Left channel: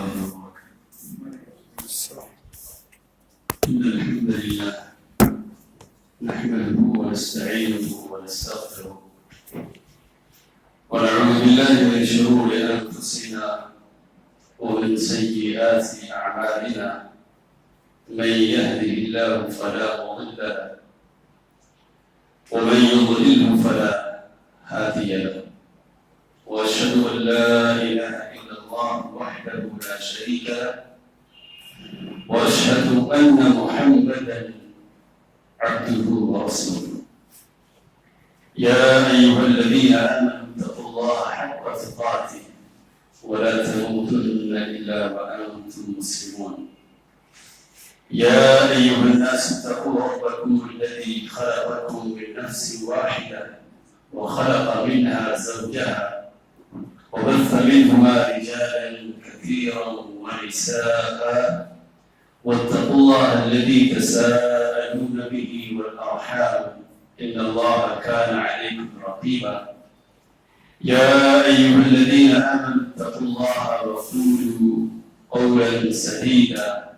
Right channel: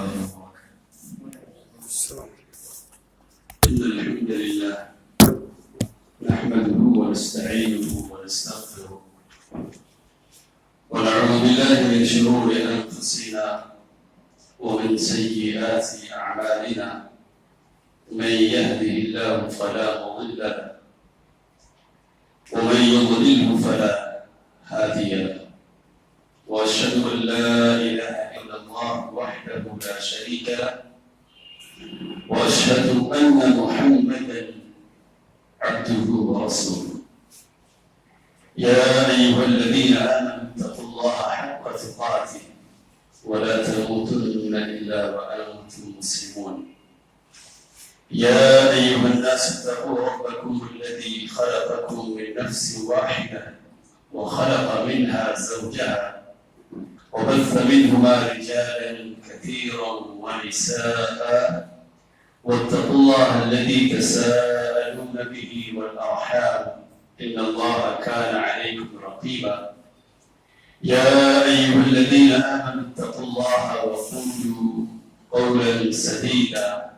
الله وبركاته. إن الحمد لله نحمده ونستعينه ونستغفره ونعوذ بالله من شرور أنفسنا ومن سيئات أعمالنا. من يهده الله فلا مضل له ومن يضلله فلا هادي له. وأشهد أن لا إله إلا الله وحده لا شريك له وأشهد أن محمدا عبده ورسوله. يا أيها الذين آمنوا اتقوا الله حق تقاته ولا تموتن إلا وأنتم مسلمون. يا أيها الناس اتقوا ربكم الذي خلقكم من نفس واحدة وخلق منها زوجها وبث منهما رجالا كثيرا ونساء واتقوا الله الذي تساءلون به والأرحام إن الله كان عليكم رقيبا. يا أيها الذين آمنوا اتقوا الله وقولوا قولا سديدا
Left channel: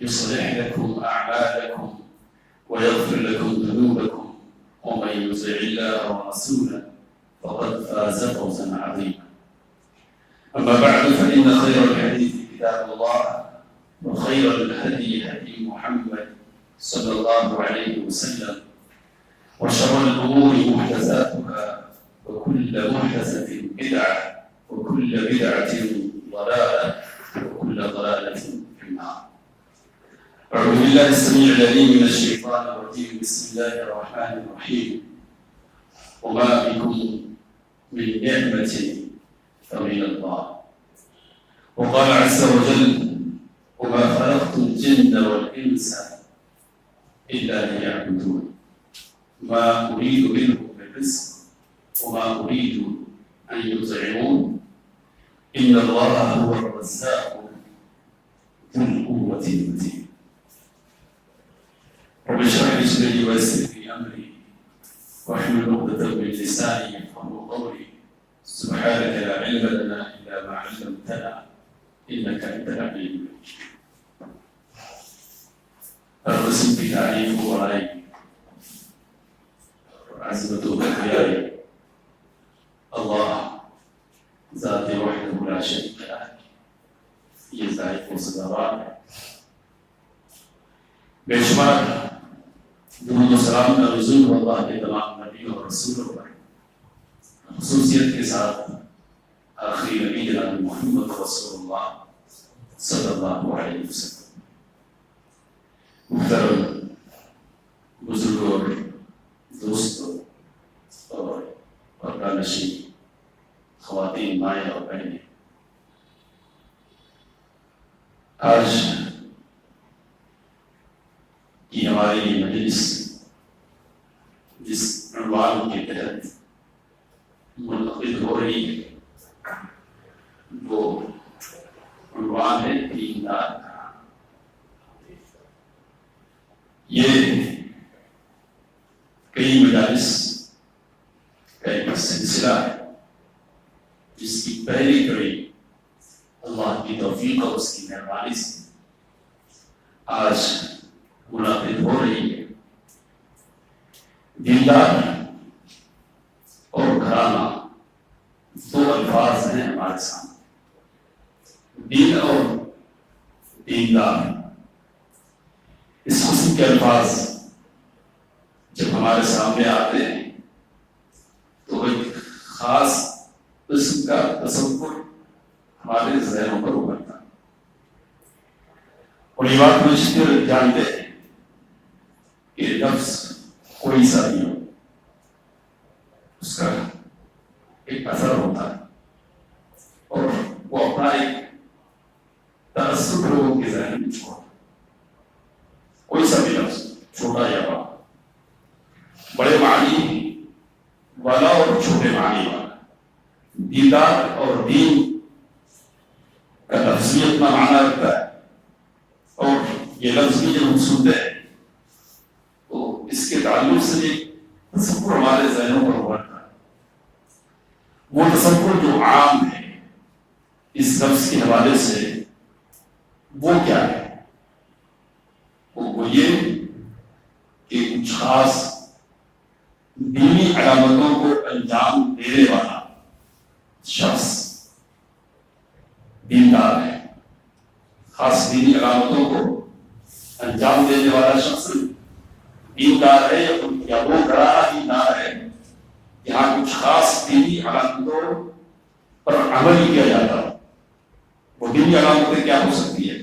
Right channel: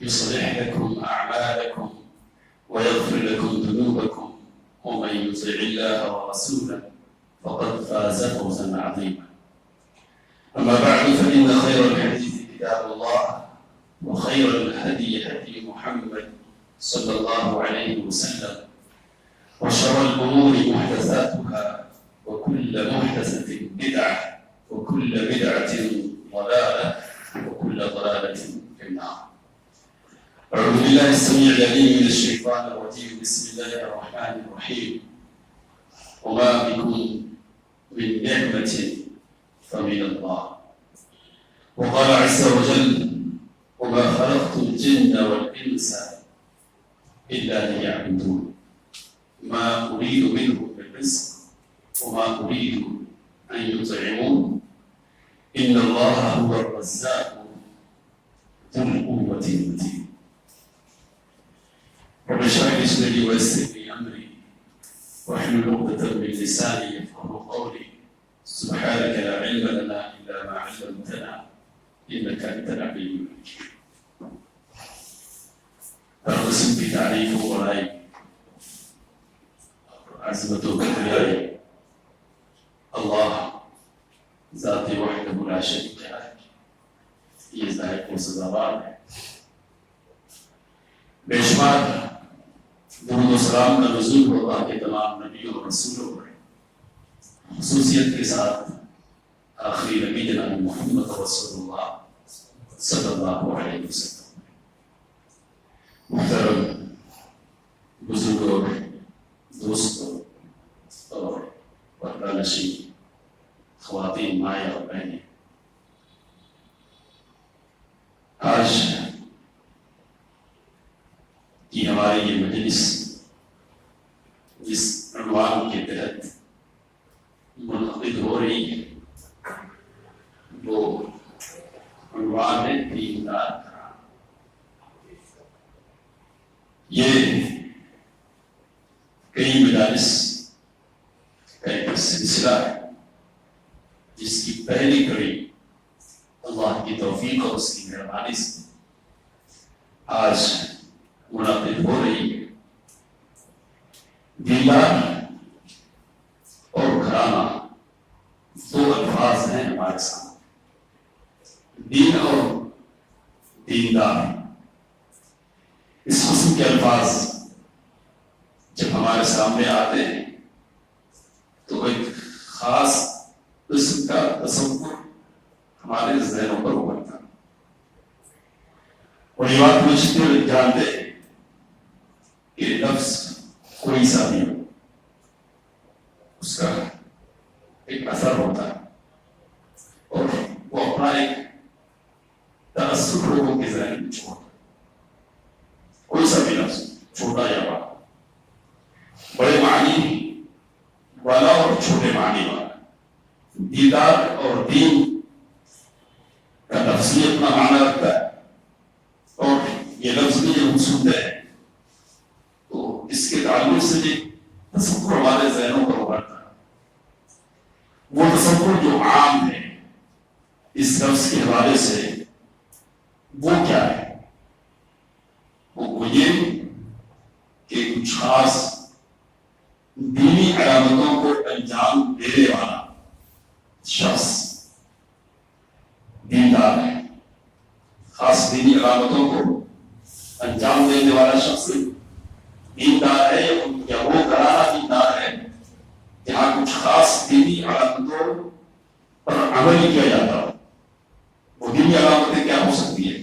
يصلح لكم أعمالكم ويغفر لكم ذنوبكم ومن يطع الله ورسوله فقد فاز فوزا عظيما. أما بعد فإن خير الحديث كتاب الله وخير الهدي هدي محمد صلى الله عليه وسلم وشر الأمور محدثاتها وكل محدثة بدعة وكل بدعة ضلالة وكل ضلالة في النار. أعوذ بالله السميع العليم من الشيطان الرجيم. بسم الله الرحمن الرحيم. وما بكم من نعمة فمن الله. وقال عز وجل وما خلقت الجن والإنس إلا ليعبدون ما أريد منهم من رزق وما أريد أن يطعمون إن الله هو الرزاق ذو القوة المتين. رب اشرح لي صدري ويسر لي أمري واحلل عقدة من لساني يفقهوا قولي. سبحانك لا علم لنا إلا ما علمتنا إنك أنت العليم الحكيم. الرسم بتعريف ورأي عزمة كبرياء الله ذاتي وحده لا شريك له يستحق صدارات بشمار درود و سلام کا نزول اللہ کے تمام نبیوں اور رسولوں پر، خصوصیت کے ساتھ آخری نبی جناب محمد رسول اللہ صلی اللہ علیہ وسلم. محترم بزرگوں، دوستوں اور پردہ نشین خواتین، مائیں اور بہنیں، آج کی ہماری یہ مجلس جس عنوان کے تحت منعقد ہو رہی ہے وہ عنوان ہے دیندار. یہ کئی مجالس کا ایک سلسلہ ہے جس کی پہلی کڑی اللہ کی توفیق اور اس کی مہربانی سے آج منعقد ہو رہی ہے. دیندار اور گھرانہ دو الفاظ ہیں ہمارے سامنے. دین اور دیندار، اس قسم کے الفاظ جب ہمارے سامنے آتے ہیں تو ایک خاص قسم کا تصور ہمارے ذہنوں پر ابھرتا ہے. اور یہ بات مجھتے ہوئے جانتے ہیں کہ لفظ کوئی سا نہیں ہو، اس کا ایک اثر ہوتا ہے اور وہ اپنا ایک تأثر لوگوں کے ذہن میں چھوڑتا ہے. کوئی سا بھی لفظ، چھوٹا یا بڑا، بڑے معنی والا اور چھوٹے معنی والا. دیدار اور دین کا لفظ بھی اپنا معنی رکھتا ہے اور یہ لفظ بھی جب ہم سنتے ہیں تو اس کے تعلق سے بھی تصور ہمارے ذہنوں پر ابھرتا ہے. وہ تصور جو عام ہے اس لفظ کے حوالے سے وہ کیا ہے؟ وہ یہ کہ کچھ خاص دینی علامتوں کو انجام دینے والا شخص دیندار ہے. خاص دینی علامتوں کو انجام دینے والا شخص دیندار ہے یا وہ گرانا دیندار ہے جہاں کچھ خاص دینی علامتوں پر عمل کیا جاتا ہے. وہ دینی علامتیں کیا ہو سکتی ہے؟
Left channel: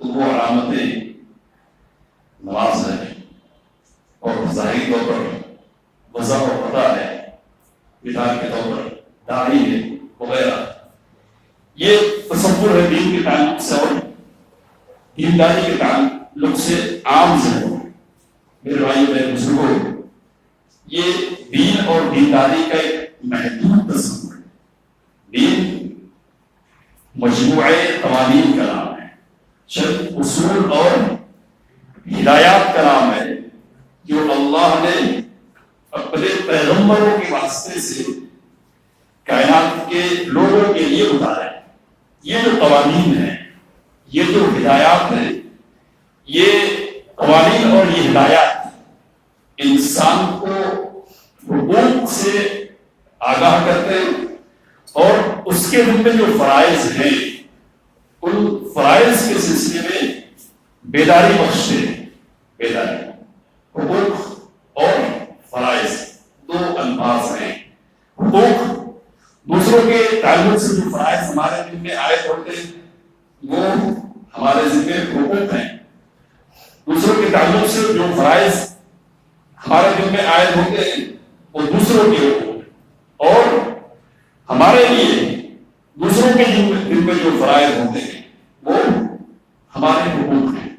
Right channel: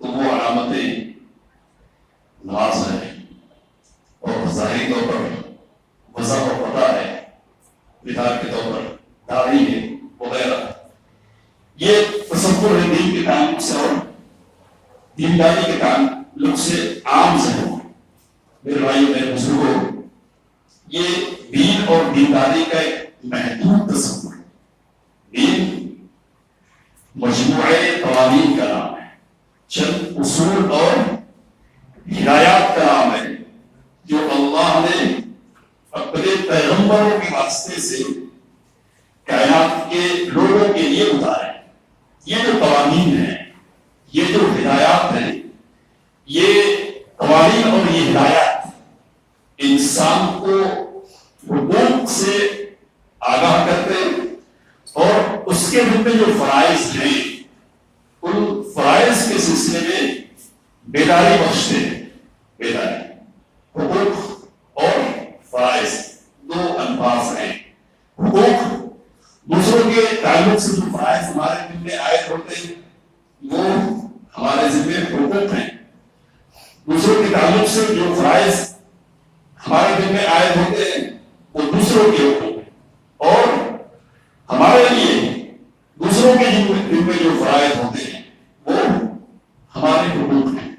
تو وہ علامتیں نماز ہے اور ظاہری طور پر وضع و پتہ ہے، مثال کے طور پر داڑھی ہے وغیرہ. یہ تصور ہے دین کے تعلق سے اور دینداری کے تعلق سے عام ذہن. میرے بھائی میرے بزرگوں، یہ دین اور دینداری کا ایک محدود تصور ہے. دین مجموعے قوانین کا نام ہے، چند اصول اور ہدایات کا نام ہے جو اللہ نے اپنے پیغمبروں کے واسطے سے کائنات کے لوگوں کے لیے اتارے. یہ جو قوانین ہیں، یہ جو ہدایات ہیں، یہ قوانین اور یہ ہدایات انسان کو حقوق سے آگاہ کرتے ہیں اور اس کے ذمہ جو فرائض ہیں ان فرائض کے سلسلے میں بیداری بخشتے ہیں. بیداری، حقوق اور فرائض دو الفاظ ہیں. حقوق دوسروں کے تعلق سے جو فرائض ہمارے دل میں عائد ہوتے ہیں وہ ہمارے ذمہ حقوق ہیں. دوسروں کے تعلق سے جو فرائض ہمارے دل میں عائد ہوتے ہیں وہ دوسروں کے حقوق ہیں. اور ہمارے لیے دوسروں کے دل میں جو فرائض ہوتے ہیں وہ ہمارے حقوق ہیں.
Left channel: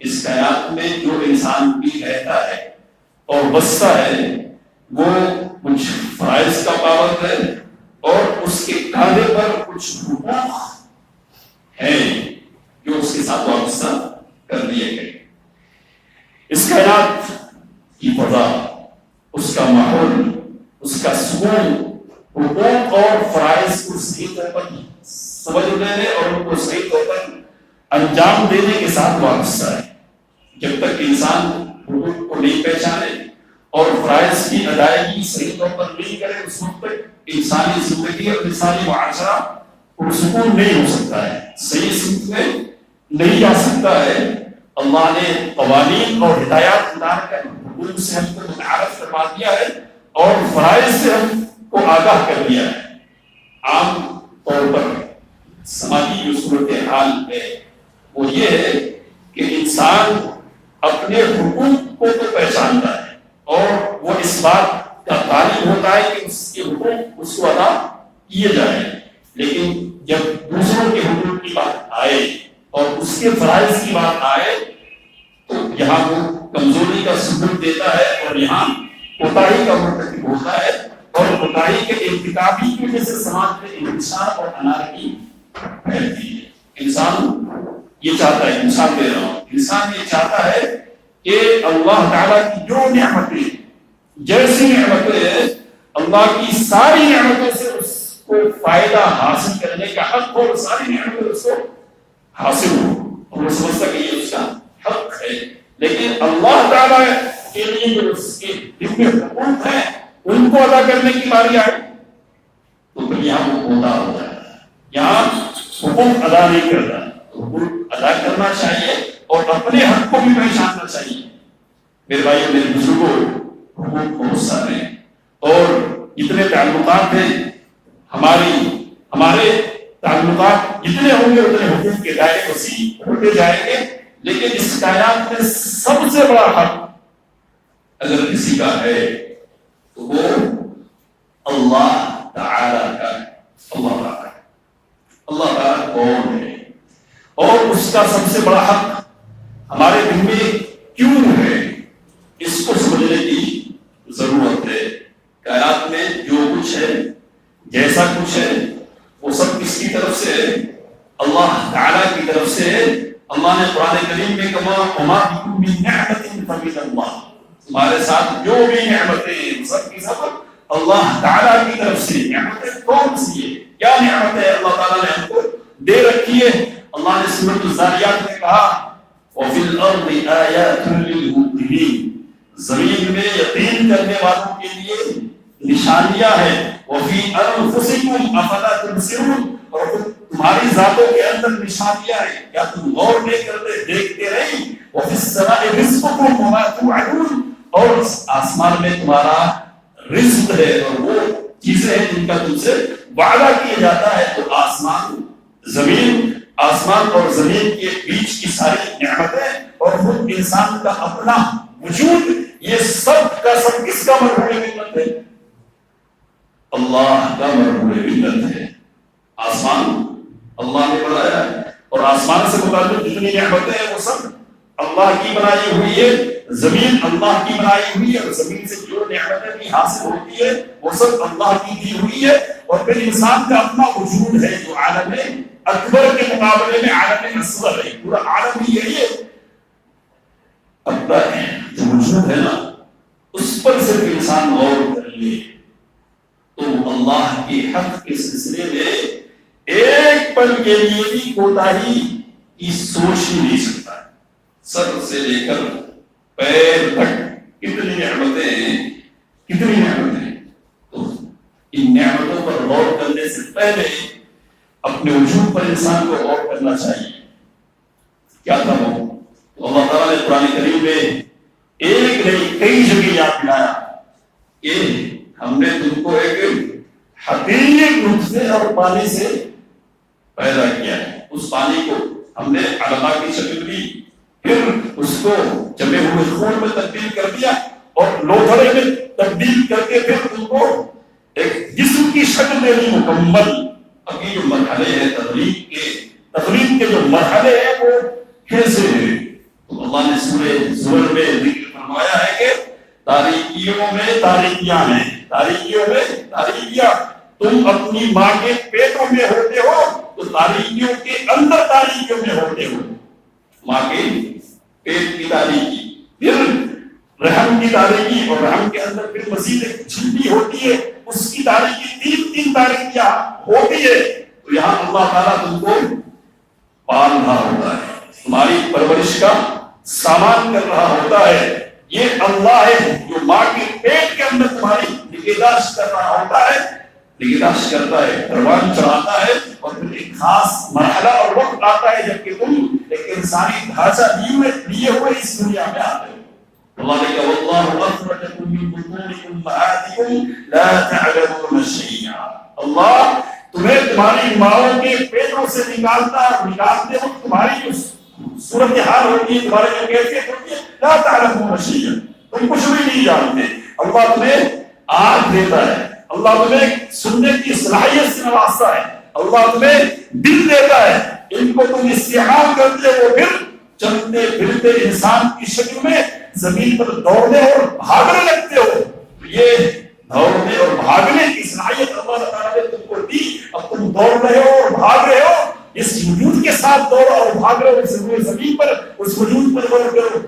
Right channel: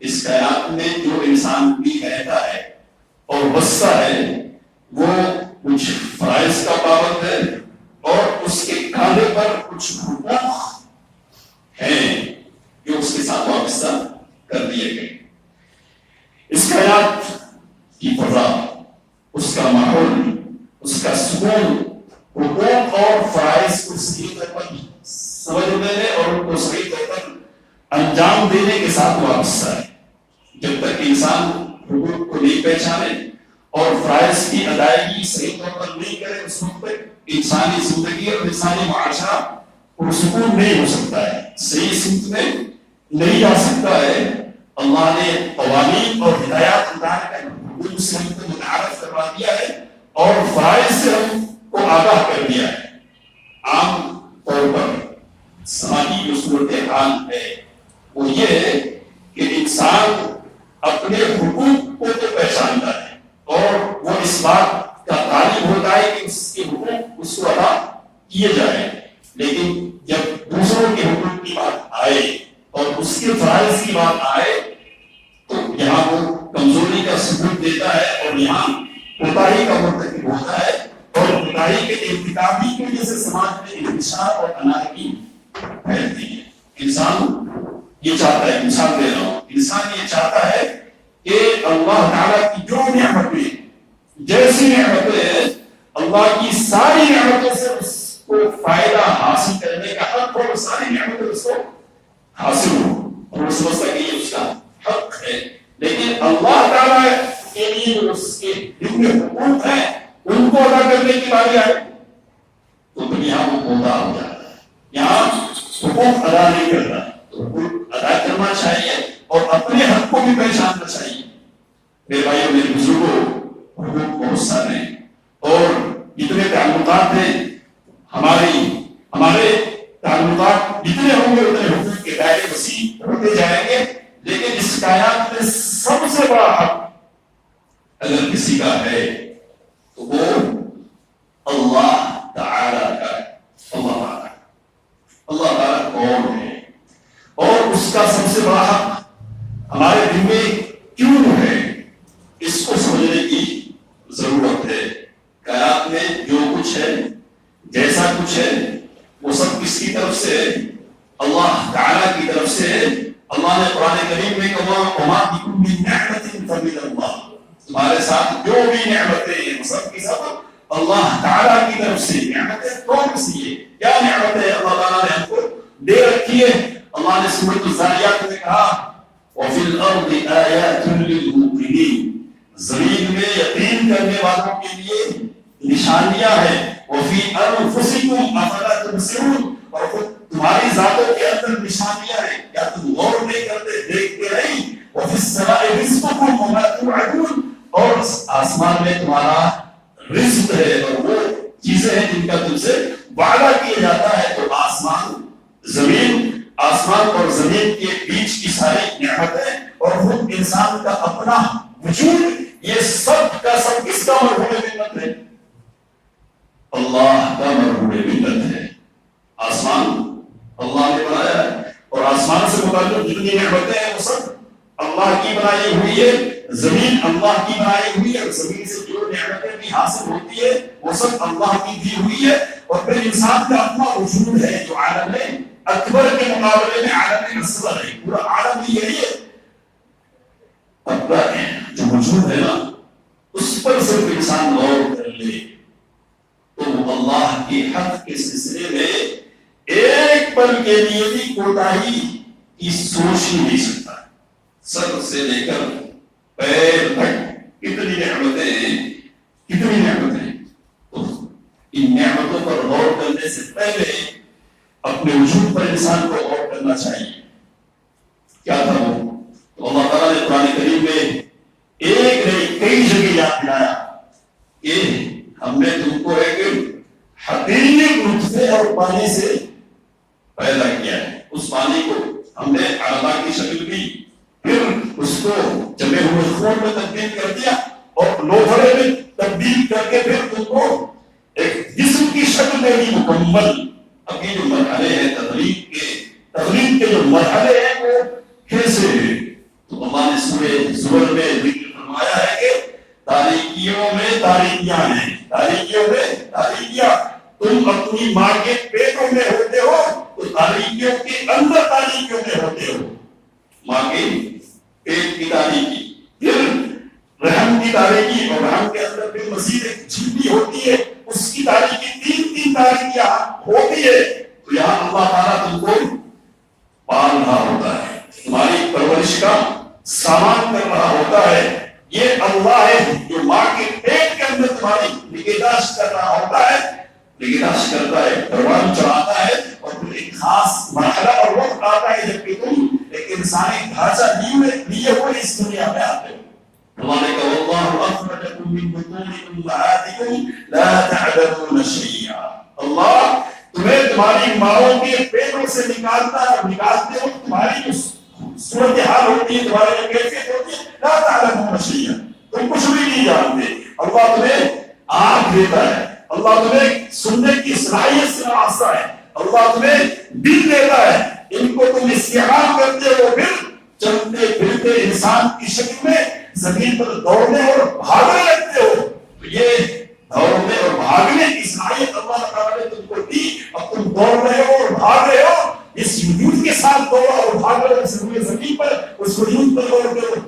اس کائنات میں جو انسان بھی رہتا ہے اور بستا ہے وہ کچھ فرائض کا پابند ہے اور اس کے کاندھے پر کچھ حقوق ہیں جو اس کے ساتھ وابستہ کر دیے گئے. اس کائنات کی فضا، اس کا ماحول، اس کا سکون حقوق اور فرائض کو صحیح طور پر سمجھ لینے اور ان کو صحیح طور پر انجام دینے کے ساتھ وابستہ ہے. جب تک انسان حقوق کو نہیں پہچانے اور فرائض کی ادائیگی صحیح طور پر نہیں کرے اس وقت تک انسانی زندگی اور انسانی معاشرہ پرسکون نہیں ہو سکتا ہے، صحیح سمت میں نہیں جا سکتا ہے. اللہ نے قوانین اور ہدایات اتار کر حقوق سے ہم کو متعارف کروا دیا ہے اور فرائض سے ہم کو آگاہ کر دیا ہے. عام طور پر سماجی جو صورتحال ہے وہ یہ ہے کہ انسان اپنے حقوق کو تو پہچانتا ہے اور وہ اس بات کا طالب ہوتا ہے کہ اس کے حقوق اس کو ادا کیے جائیں، لیکن جب دوسروں کے حقوق کی بات آئے اور اس کے فرائض کی بات آئے تو یہاں وہ کمزوری کا ثبوت دیتا ہے اور یہاں کوتاہی کا مرتکب ہوتا ہے اور کوتاہی کے ارتکابی کی وجہ سے سماج میں انتشار اور انارکی پھیلتی ہے. انسان یہ چاہتا ہے، انسان دے رہا ہوں، انسان یہ چاہتا ہے کہ اللہ تعالیٰ کی جو نعمتیں، جیسی نعمتیں ہیں، اللہ کی ساری نعمتوں سے اس کو فائدہ حاصل کرنے کا حق اور ساری نعمتیں اس کو حاصل ہو اور وہ سمجھتا کہ یہ اس کا حق ہے. لیکن اللہ تعالیٰ کے لیے جو اس کے دل میں حقوق ہیں ان کو ادا کرنے کی باری آئے تو پھر یہاں وہ کوتا ہو جاتا ہے، یہاں حقوق ادا نہیں کرتا. تو حقوق ادا کرنا چاہیے اور اپنے حق کو بھی پہچاننا چاہیے. میرے بھائی میرے بزرگوں، حقوق بہت سارے ہیں اور جتنے تعلقات ہیں ہمارے تعلقات جتنے ہوں گے اتنے حقوق کے دائرے وسیع ہوتے جائیں گے. لیکن اس کائنات میں سب سے بڑا حق اگر کسی کا ہے تو وہ اللہ تعالیٰ کا ہے. اللہ تعالیٰ کون ہے اور اس کا سب سے بڑا حق ہمارے دل میں کیوں ہے، اس کو سمجھنے کی ضرورت ہے. کائنات میں جو کچھ ہے، جیسا کچھ ہے، وہ سب کس کی طرف سے ہے؟ اللہ تعالیٰ کی طرف سے ہے. اللہ نے قرآن کریم میں کہا وما بکم من نعمت فمن اللہ، تمہارے ساتھ جو بھی نعمتیں ہیں سب کی سب اللہ تعالیٰ کی طرف سے. نعمتیں کون سی ہے؟ کیا نعمت ہے اللہ تعالیٰ نے ہم کو دے رکھی ہے؟ اللہ نے ذاریات نے کہا وفی الارض آیات للموقنین، زمین میں یقین کرنے والوں کے لیے نشانیاں ہیں، وفی انفسکم افلا تبصرون، اور تمہاری ذاتوں کے اندر نشانیاں ہیں، کیا تم غور نہیں کرتے، دیکھتے نہیں؟ وفی السماء رزقکم وما توعدون، اور آسمان میں تمہارا رزق ہے اور وہ چیزیں ہیں جن کا تم سے وعدہ کیا جاتا ہے۔ تو آسمان زمین، آسمان اور زمین کے بیچ کی ساری نعمتیں اور خود انسان کا اپنا وجود، یہ سب کا سب کس کا مرہون منت ہے؟ اللہ کا مرہون منت ہے۔ آسمان اللہ نے بنایا ہے اور آسمان سے متعلق جتنی نعمتیں ہیں وہ سب اللہ کی بنائی ہوئی ہے، زمین اللہ کی بنائی ہوئی ہے، اور زمین سے جو نعمتیں بھی حاصل ہوتی ہے وہ سب اللہ کی دی ہوئی ہے، اور پھر انسان کا اپنا وجود ہے جو عالم اکبر کے مقابلے میں عالم اصغر ہے، پورا عالم ہی یہی ہے۔ اپنا جو وجود ہے نا اس پر صرف انسان غور کر لے تو اللہ کے حق کے سلسلے میں ایک پل کے لیے بھی کوتاہی کی سوچ ہی نہیں سکتا۔ سر سے لے کر پیر تک کتنی نعمتیں ہیں، کتنی نعمتیں، تو ان نعمتوں پر غور کرنے سے پہلے اپنے وجود پر انسان کو غور کرنا چاہیے۔ کیا تھا وہ؟ تو اللہ تعالیٰ نے قرآن کریم میں ایک نہیں کئی جگہ یاد دلایا کہ ہم نے تم کو ایک حقیقی نطفے اور پانی سے پیدا کیا ہے، اس پانی کو ہم نے علقہ کی شکل دی، پھر اس کو جمے ہوئے خون میں تبدیل کر دیا اور لوتھڑے میں تبدیل کر کے پھر تم کو ایک جسم کی شکل میں بھی مکمل۔ اب یہ جو مرحلے ہیں تخلیق کے جو مرحلے ہیں وہ کیسے ہیں؟ تو اللہ نے سورہ زمر میں ذکر فرمایا ہے کہ تاریکیوں میں تاریکیاں ہیں، تاریکیوں میں تاریکیاں، تم اپنی ماں کے پیٹوں میں ہوتے ہو تو تاریکیوں کے اندر تاریکیوں میں ہوتے ہو، ماں کے پیٹ کی تاریکی، پھر رحم کی تاریکی، اور رحم کے اندر پھر مزید ایک جھلی ہوتی ہے، اس کی تاریکی، تین تاریکیاں ہوتی ہے۔ تو یہاں اللہ تعالیٰ تم کو پال رہا ہوتا ہے، تمہاری پرورش کا سامان کر رہا ہوتا ہے، یہ اللہ ہے جو ماں کے پیٹ کے اندر تمہاری نگہداشت کر رہا ہوتا ہے، نگہداشت کرتا ہے، پروان چڑھاتا ہے، اور پھر ایک خاص مرحلہ اور وقت آتا ہے جب کہ تم ایک انسانی ڈھانچہ لیے ہوئے اس دنیا میں آتے ہو۔ اللہ نے کہا واللہ اخرجکم من بطون امہاتکم لا تعلمون شیئا، اللہ تمہیں تمہاری ماؤں کے پیٹوں سے نکالتا ہے، اور نکالتے وقت تمہاری جو صورتحال ہوتی ہے، تمہاری جو کیفیت ہوتی ہے، لا تعلمون شیئا، تم کچھ بھی نہیں جانتے۔ اللہ تمہیں آنکھ دیتا ہے، اللہ تمہیں سننے کی صلاحیت سے نوازتا ہے، اللہ تمہیں دل دیتا ہے، ان کو تم استعمال کرتے ہو، پھر چلتے پھرتے انسان کی شکل میں زمین پر دوڑنے اور بھاگنے لگتے ہو۔ یہ دوڑنے اور بھاگنے کی صلاحیت اللہ تعالیٰ نے تم کو دی، اب تم دوڑ رہے ہو اور بھاگ رہے ہو، اس وجود کے ساتھ دوڑو اور بھاگ رہے ہو، زمین پر اس وجود پر غور کرو۔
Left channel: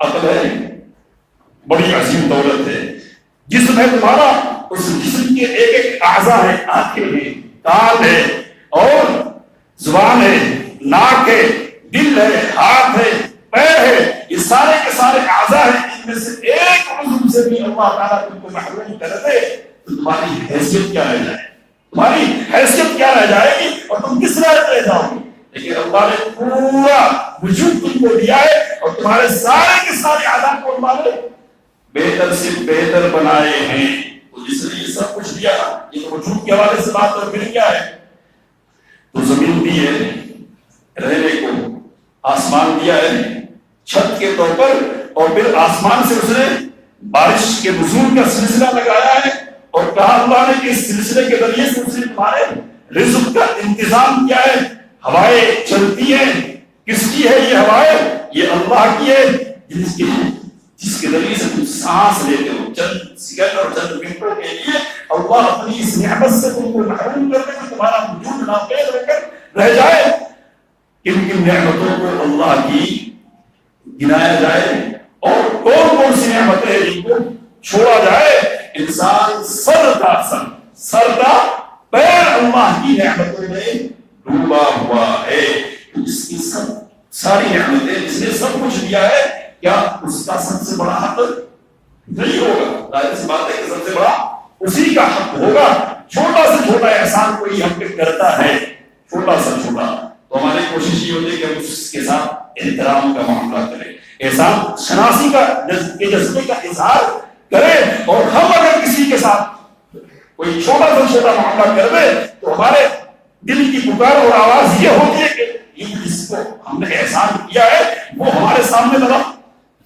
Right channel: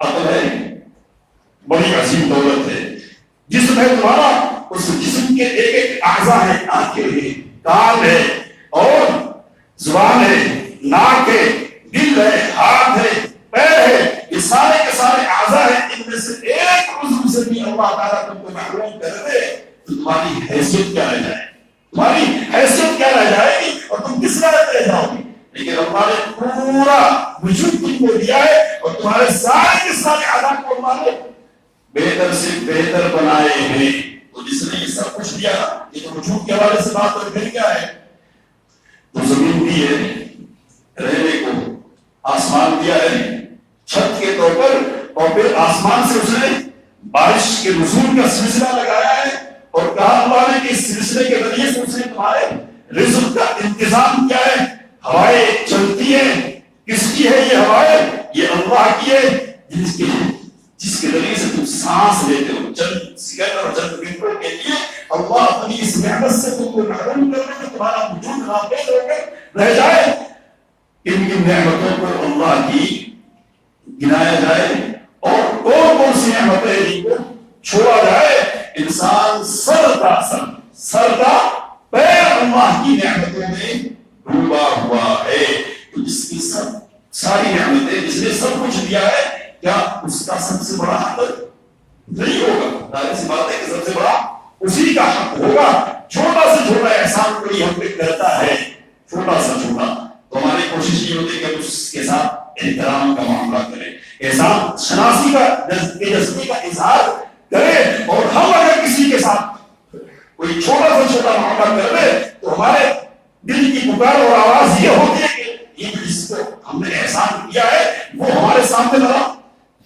عقل ہے بڑی عظیم دولت ہے، جسم ہے تمہارا، اس جسم کے ایک ایک اعضاء ہیں، آنکھیں ہیں، کان ہے اور زبان ہے، ناک ہے، دل ہے، ہاتھ ہے، پیر ہے، یہ سارے کے سارے اعضاء ہیں، ان میں سے ایک عضو سے بھی اللہ تعالیٰ تم کو محروم کر دے تو تمہاری حیثیت کیا رہ جائے، تمہاری حیثیت کیا رہ جائے گی اور تم کس راہ رہ جاؤ گی؟ لیکن اللہ نے پورا وجود تم کو دیا ہے اور تمہارے سارے کے سارے اعضاء کو اللہ نے بہتر سے بہتر بنائے ہیں۔ تو جس نے یہ سب کچھ دیا، یہ تو وجود کے حوالے سے بات اور پھر کیا ہے؟ تو زمین دی ہے رہنے کو، آسمان دیا ہے چھت کے طور پر، اور پھر آسمان سے اس نے بارش کے نزول کا سلسلہ لگایا ہے، اور کہا اللہ نے کہ اس سلسلے کے ذریعے سے اس نے تمہارے رزق کا انتظام کیا ہے، ہوائیں چلتی ہیں، کس کی ہے یہ ہوائیں؟ یہ اللہ کی ہے، جس کے ذریعے سے تم سانس لیتے ہو، چند سیکنڈ اور چند منٹوں کے لیے اللہ اپنی اس نعمت سے تم کو محروم کر دے، تمہارا وجود ناپید ہو کر رہ جائے۔ کن کن نعمتوں کو اللہ کی گنایا جائے اور کون کون سی نعمتیں جن کو چھوڑا جائے؟ انسان سر کا پیر اللہ کی نعمتوں میں ڈوبا ہوا ہے۔ جس احترام کا معاملہ کرے، احسان شناسی کا جذبے کا اظہار کرے، اور ہم اگر کسی کے ساتھ کوئی چھوٹا سے چھوٹا معاملہ کر دے تو ہمارے دل کی پکار اور آواز یہ ہوتی ہے کہ یہ جس کو ہم نے احسان کیا ہے وہ ہمارے سامنے ذرا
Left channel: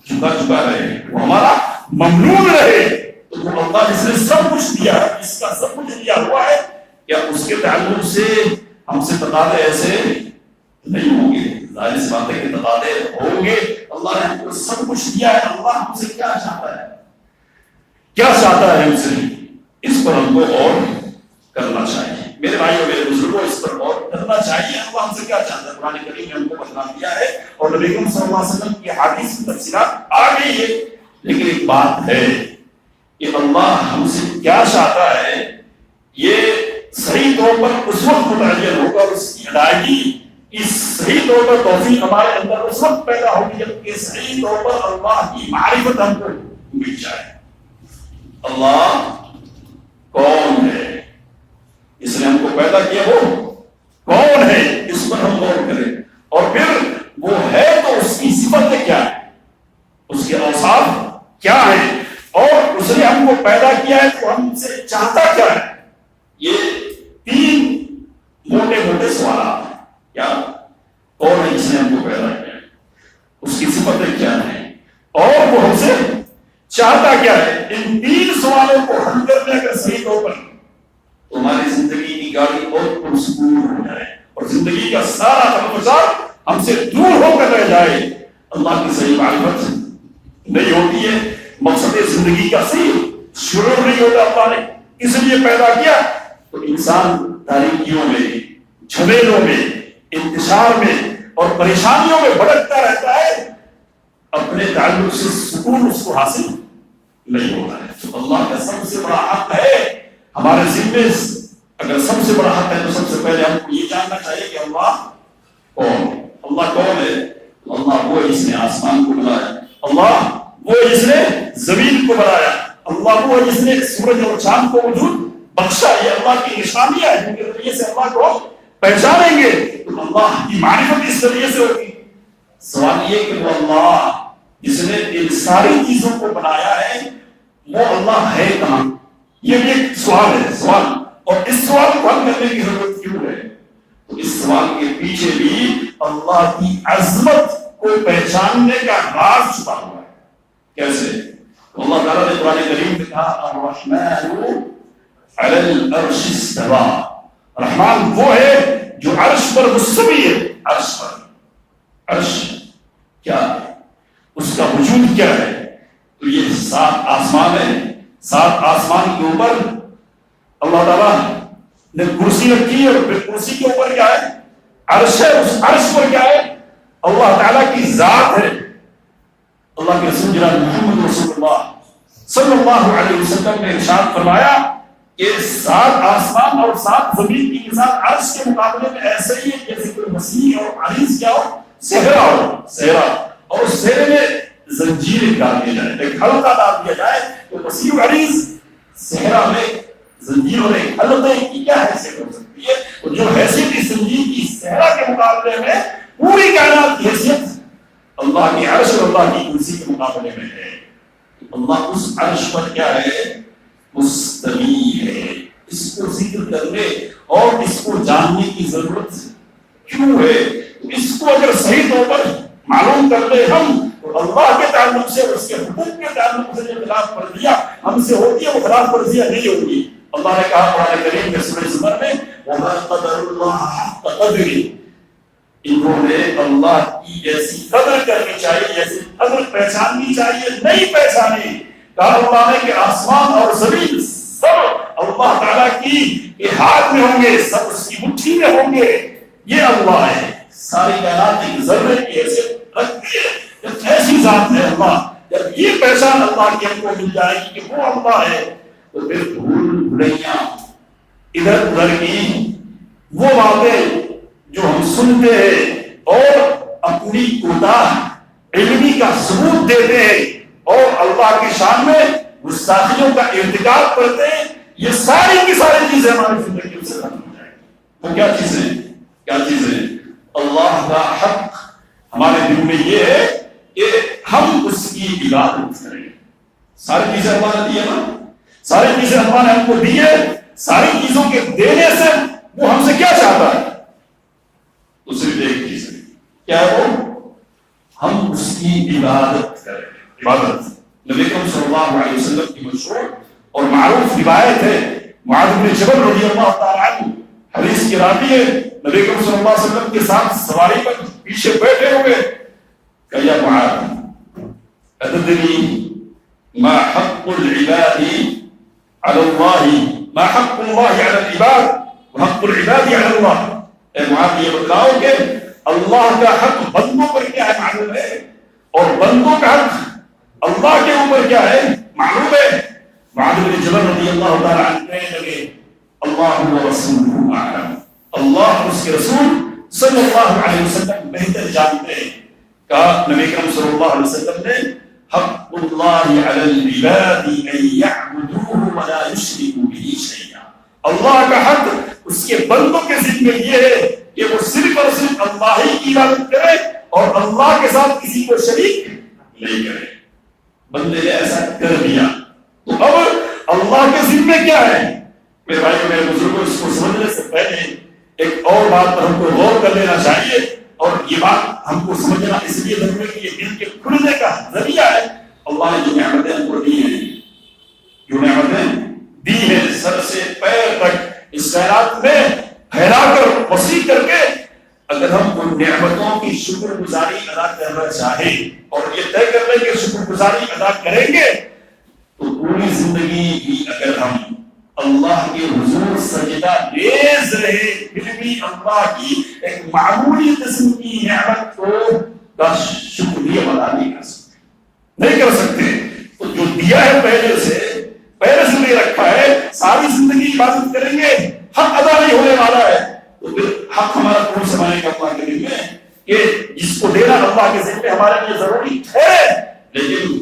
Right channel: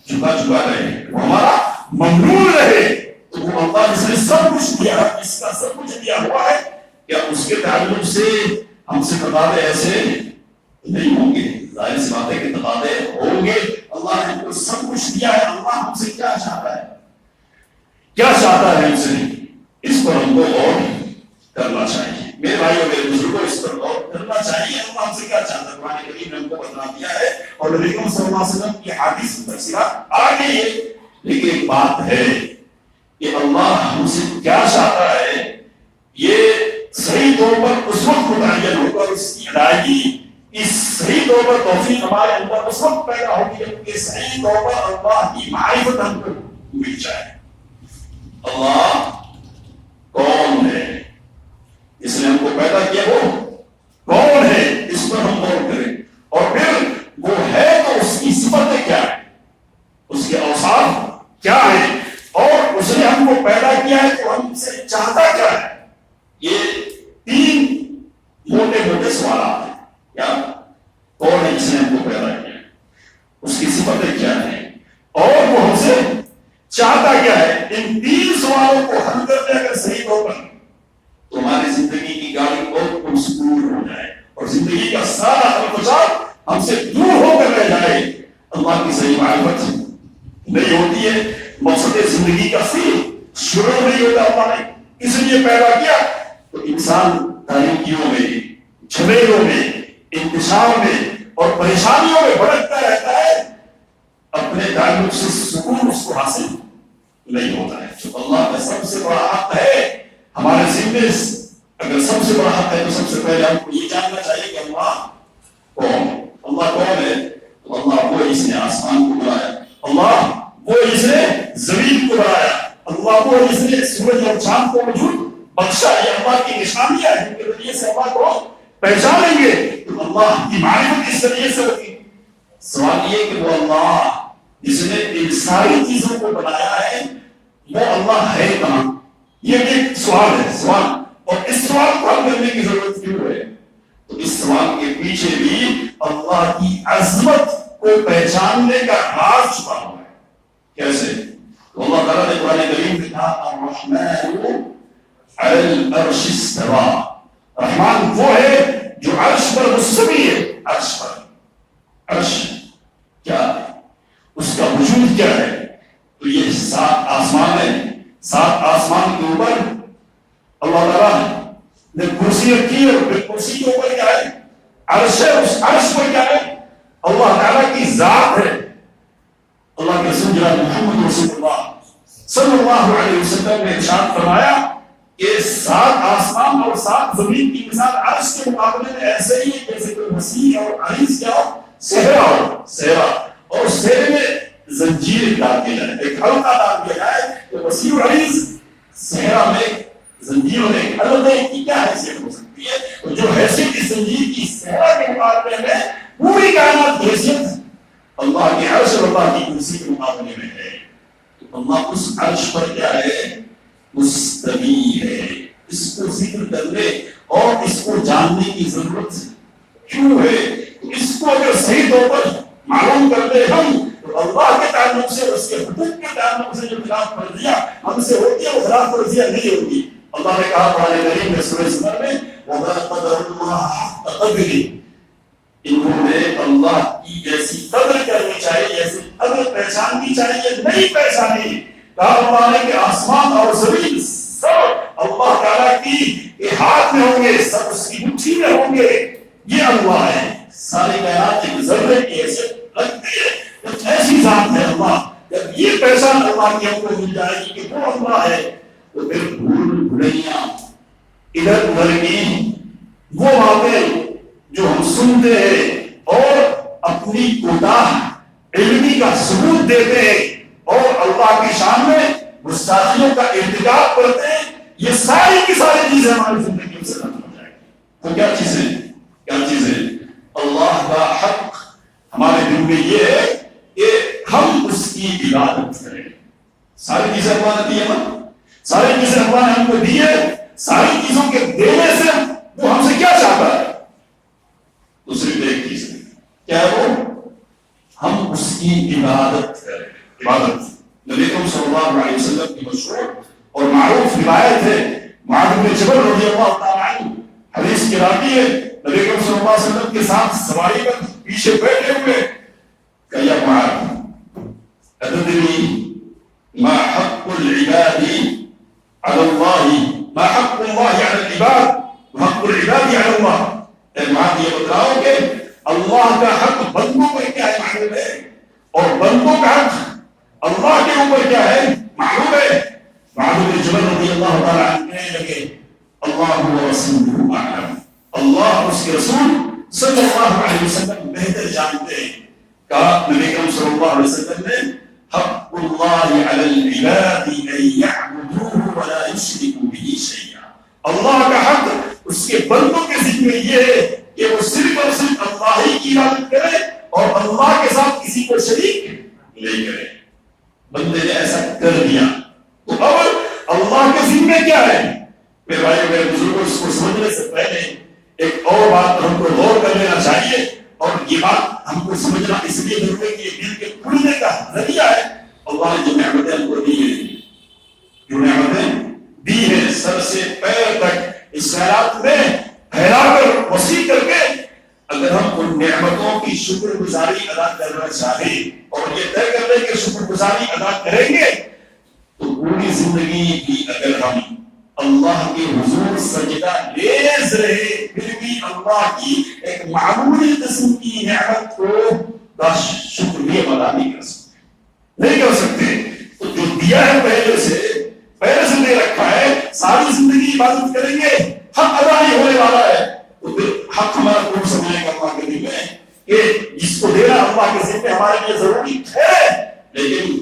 جھکا رہے، وہ ہمارا ممنون رہے، تو وہ اللہ جس نے سب کچھ دیا، اس کا سب کچھ دیا ہوا ہے، کیا اس کے تعلق سے ہم سے تقاضے ایسے نہیں ہوں گے؟ ظاہر سی بات ہے کہ تقاضے ہوں گے۔ اللہ نے ہم کو سب کچھ دیا ہے، اللہ ہم سے کیا چاہتا ہے، کیا چاہتا ہے ہم سے، اس پر ہم کو غور کرنا چاہیے۔ میرے بھائیوں میرے بزرگوں، اس پر غور کرنا چاہیے، اللہ ہم سے کیا چاہتا ہے۔ قرآن کریم نے ہم کو بتلا دیا ہے اور نبی کریم صلی اللہ علیہ وسلم کی حدیث کی تفسیرات آ گئی ہے، لیکن ایک بات ہے کہ اللہ ہم سے کیا چاہتا ہے یہ صحیح طور پر اس وقت متعین ہوگا، اس کی ادائیگی اس صحیح طور پر توفیق ہمارے اندر اس وقت پیدا ہوگی جب کہ صحیح طور پر اللہ کی معرفت ہم کو مل جائے۔ اللہ کون ہے، اس نے ہم کو پیدا کیا، وہ کون ہے، اس پر ہم غور کریں، اور پھر وہ ہے تو اس کی صفتیں کیا ہے، اس کے اوصاف کیا ہے، اور اس نے ہم کو پیدا کیا ہے تو ہم سے چاہتا کیا ہے۔ یہ تین موٹے موٹے سوالات ہیں۔ کیا کون ہے جس نے ہم کو پیدا کیا، اس کی صفتیں کیا ہیں، اور وہ ہم سے چاہتا کیا ہے۔ ان تین سوالوں کو حل کر لے کر صحیح طور پر تمہاری زندگی کی گاڑی اور پرسکون ہو جائے، اور زندگی کا سارا خرچات ہم سے دور ہو کر رہ جائے۔ اللہ کی صحیح معرفت نہیں ہوتی ہے، مقصد زندگی کا صحیح شروع نہیں ہوتا۔ اللہ نے اس لیے پیدا کیا تو انسان تاریکیوں میں، جھمیلوں میں، انتشار میں اور پریشانیوں میں بھٹکتا رہتا ہے، اپنے تعلق سے سکون اس کو حاصل نہیں ہوتا ہے۔ تو اللہ کا سب سے بڑا حق ہے ہمارے ذمے، اگر سب سے بڑا حق ہے تو سب سے پہلے ہم کو یہ جاننا چاہیے کہ اللہ کون ہے۔ اللہ کون ہے؟ اللہ وہ جس نے آسمان کو بنایا، اللہ وہ جس نے زمین کو بنایا، اللہ وہ جس نے سورج اور چاند کو وجود بخشا۔ یہ اللہ کی نشانیاں ہیں جن کے ذریعے سے اللہ کو پہچانیں گے، تو اللہ کی معرفت اس ذریعے سے ہوگی۔ سوال یہ کہ وہ اللہ جس نے ان ساری چیزوں کو بنایا ہے وہ اللہ ہے کہاں؟ یہ ایک سوال ہے، سوال، اور اس سوال کو حل کرنے کی ضرورت کیوں ہے؟ تو اس سوال کے پیچھے بھی اللہ کی عظمت کو پہچاننے کا راز چھپا ہوا ہے۔ کیسے؟ اللہ تعالیٰ نے قرآن کریم میں کہا الرحمن علی العرش استوى، رحمان وہ ہے جو عرش پر مستوی ہے۔ عرش پر، عرش کیا ہے، اس کا وجود کیا ہے؟ تو یہ 7 آسمان ہے، 7 آسمان کے اوپر اللہ تعالیٰ نے کرسی رکھی ہے، اور پھر کرسی کے اوپر کیا ہے؟ عرش ہے۔ اس عرش پر کیا ہے؟ اللہ تعالیٰ کی ذات ہے۔ اللہ کے رسول جناب محمد رسول اللہ صلی اللہ علیہ وسلم نے ارشاد فرمایا کہ 7 آسمان اور 7 زمین کی مثال عرش کے مقابلے میں ایسے ہی ہے جیسے کہ وسیع اور عریض کیا ہو، صحرا ہو، صحرا، اور اس صحرے میں زنجیریں ڈال دی جائیں، ایک حلقہ ڈال دیا جائے، تو وسیع و عریض صحرا میں زنجیر اور ایک حلقے کی کیا حیثیت ہو سکتی ہے؟ تو جو حیثیت اس زنجیر کی صحرا کے مقابلے میں پوری کائنات کی حیثیت اللہ کی عرش اور اللہ کی کرسی کے مقابلے میں ہے۔ اللہ اس عرش پر کیا ہے؟ مستوی ہے۔ اس کو ذکر کرنے اور اس کو جاننے کی ضرورت کیوں ہے؟ اس کو اگر صحیح طور پر معلوم کر لے ہم، تو اللہ کے تعلق سے، اس کے حقوق کے تعلق سے جو خلاف ورزیاں ہم سے ہوتی ہے وہ خلاف ورزیاں نہیں ہوگی۔ اللہ نے کہا قرآن کریم میں سورہ زمر میں وَمَا قَدَرُ اللَّهَ حَقَّ قَدْرِهِ، انہوں نے اللہ کی جیسی قدر کرنی چاہیے، جیسی قدر پہچاننی چاہیے، نہیں پہچانی۔ کہا اللہ نے کہ آسمان اور زمین سب اللہ تعالیٰ کی ہاتھ میں ہوں گے، سب اس کی مٹھی میں ہوں گے۔ یہ اللہ ہے، ساری کائنات ایک ذرے کی حیثیت رکھتی ہے، ایسی ذات ہے اللہ۔ جب یہ پہچان اللہ کی ہم کو مل جائے گی کہ وہ اللہ ہے، تو پھر بھول بھلیاں ادھر ادھر کی وہ باتیں جو ہم سنتے ہیں اور اپنی کوتاہ علمی کا ثبوت دیتے ہیں اور اللہ کی شان میں گستاخیوں کا ارتکاب کرتے ہیں، یہ ساری کی ساری چیزیں ہماری زندگی سے ختم ہو جائیں گی۔ وہ کیا چیزیں؟ کیا چیزیں؟ اللہ کا حق ہمارے دل میں کیا ہے وہ؟ ہم اس کی عبادت کریں. عبادت نبی کریم صلی اللہ علیہ وسلم کی مشہور اور معروف روایت ہے. معاذ بن جبل رضی اللہ تعالیٰ عنہ حدیث کے راوی ہے. نبی کریم صلی اللہ علیہ وسلم کے ساتھ سواری پر پیچھے بیٹھے ہوئے کہ یا معاذ اتدری ما حق العباد على الله ما حق الله على العباد وحق العباد على الله. اے معاذ یہ بتلاؤ کہ اللہ کا حق بندوں پر کیا ہے معلوم ہے اور بندوں کا حق اللہ کے اوپر کیا ہے معلوم ہے. معاذ بن جبل رضی اللہ تعالیٰ عنہ کہنے لگے اللہ و رسولہ اعلم. اللہ اور اس کے رسول صلی اللہ علیہ وسلم بہتر جانتے ہیں. کہا نبی کریم صلی اللہ علیہ وسلم نے حق اللہ علی العباد ان یعبدوہ ولا یشرکوا بہ شیئا. اللہ کا حق اس کے بندوں کے ذمہ یہ ہے کہ وہ صرف اور صرف اللہ ہی کی عبادت کرے اور اللہ کے ساتھ کسی کو شریک نہیں کرے. بندے نے ایسا کر دیا تو اب اللہ کے ذمہ کیا ہے؟ میرے بھائی میرے بزرگوں اس کو سمجھنے سے پہلے ایک اور بات پر ہم کو غور کر لینا چاہیے اور یہ بات ہم کو سمجھنا اس لیے ضروری ہے کہ یہ دل کے کھلنے کا ذریعہ ہے. اللہ نے جو نعمتیں ہم کو دی ہیں جو نعمتیں دی ہیں سر سے پیر تک اس کائنات میں پھیلا کر وسیع کر کے اگر ہم ان نعمتوں کی شکر گزاری ادا کرنا چاہیں اور یہ طے کر لیں کہ شکر گزاری ادا کریں گے تو پوری زندگی بھی اگر ہم اللہ کے حضور سجدہ ریز رہے پھر بھی اللہ کی ایک معمولی قسم کی نعمت کو کا شکریہ ادا نہیں کر سکتے. تو جو دیا ہے پہلے سے دے رکھا ہے ساری زندگی عبادت کریں گے حق ادا نہیں ہونے والا ہے تو پھر حق ہمارا کون سمانے کا اللہ کے دل میں کہ جس کو دینا اللہ کے ذمہ ہمارے لیے ضروری ہے لیکن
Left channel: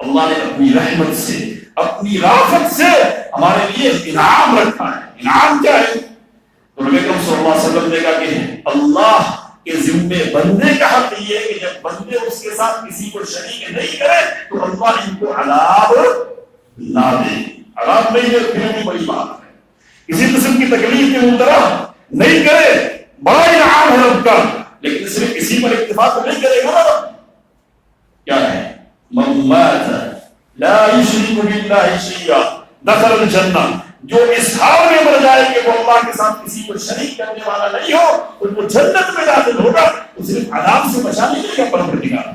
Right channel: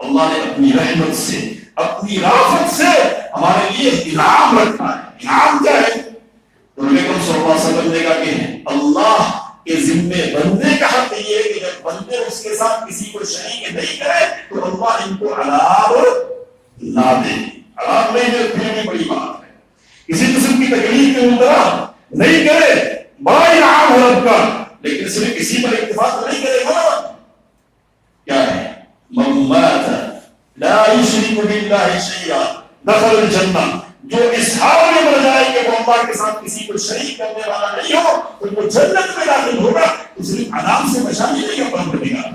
اللہ نے اپنی رحمت سے اپنی رافت سے ہمارے لیے انعام رکھا ہے. انعام کیا ہے؟ تو نبی کریم صلی اللہ علیہ وسلم نے کہا کہ اللہ کے ذمے بندے کا حق یہ ہے کہ جب بندے اس کے ساتھ کسی کو شریک نہیں کرے تو اللہ ان کو عذاب نہ دے. عذاب نہیں دے پھر بھی بڑی بات ہے. کسی قسم کی تکلیف کے مبتلا نہیں کرے بڑا انعام ہے رب کا لیکن صرف کسی پر اتفاق نہیں کرے گا. کیا ہے؟ من مات لا یشرک باللہ شیئا دخل الجنہ. جو اس حال میں مر جائے کہ وہ اللہ کے ساتھ کسی کو شریک کرنے والا نہیں ہو تو وہ جنت میں داخل ہوگا. تو صرف عذاب سے بچانے نہیں کا پروردگار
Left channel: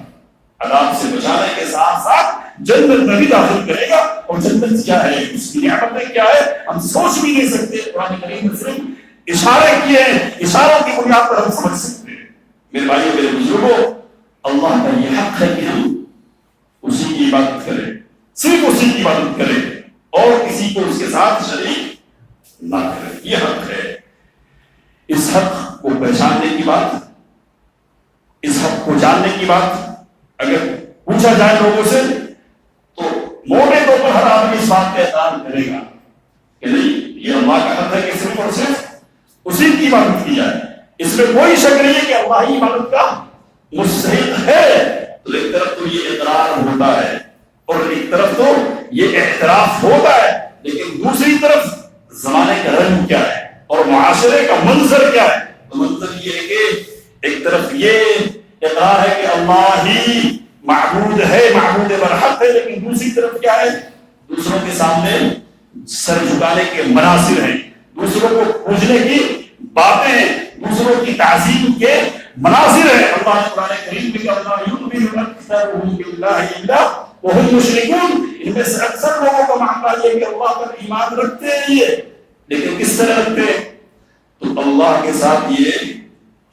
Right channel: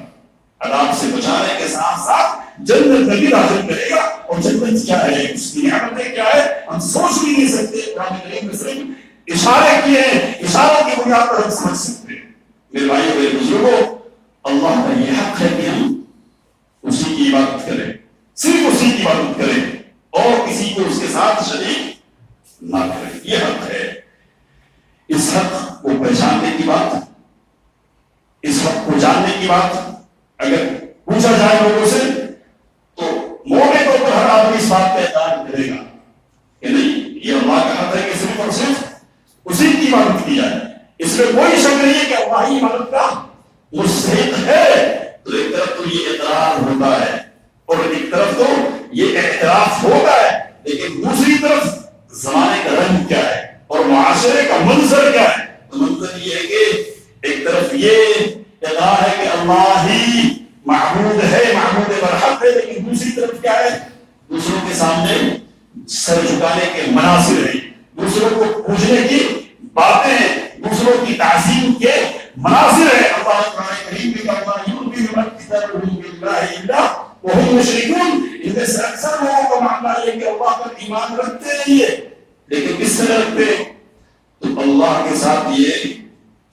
عذاب سے بچانے کے ساتھ ساتھ جنت میں بھی داخل کرے گا. اور جنت کیا ہے اس کی نعمتیں کیا ہے ہم سوچ بھی نہیں سکتے. قرآن کریم میں صرف اشارے کیے ہیں اشاروں کی بنیاد پر ہم سمجھ سکتے ہیں. میرے بھائیو میرے بزرگوں اللہ کا یہ حق ہے کہ ہم اسی کی عبادت کریں صرف اسی کی عبادت کریں اور کسی کو اس کے ساتھ شریک نہ کریں. یہ حق ہے. اس حق کو پہچاننے کی بات اس حق کو جاننے کی بات اگر پوچھا جائے لوگوں سے تو موٹے طور پر ہر آدمی اس بات کا اعتراف کرے گا کہ نہیں یہ اللہ کا حق ہے کہ صرف اور صرف اسی کی عبادت کی جائے. اس میں کوئی شک نہیں ہے کہ اللہ ہی عبادت کا مستحق ہے. تو ایک طرف تو یہ اعتراف ہوتا ہے اور ایک طرف تو یہ اعتراف ہوتا ہے لیکن دوسری طرف زمانے کا رنگ کیا ہے اور معاشرے کا منظر کیا ہے. تو منظر یہ ہے کہ ایک طرف یہ اقرار ہے کہ اللہ ہی معبود ہے معبود برحق ہے لیکن دوسری طرف کیا ہے دوسروں کے سامنے سر جھکانے کے مناظر ہیں دوسروں کو پوجنے کی باتیں دوسروں کی تعظیم کے مناظر ہیں. اللہ نے قرآن کریم میں کہا یؤمن اکثرهم باللہ الا وهم مشرکون. ان میں سے اکثر لوگوں کا معاملہ یہ کہ اللہ پر ایمان رکھتے ہیں یہ لیکن کس طرح رکھتے ہیں تو اللہ کے ساتھ یہ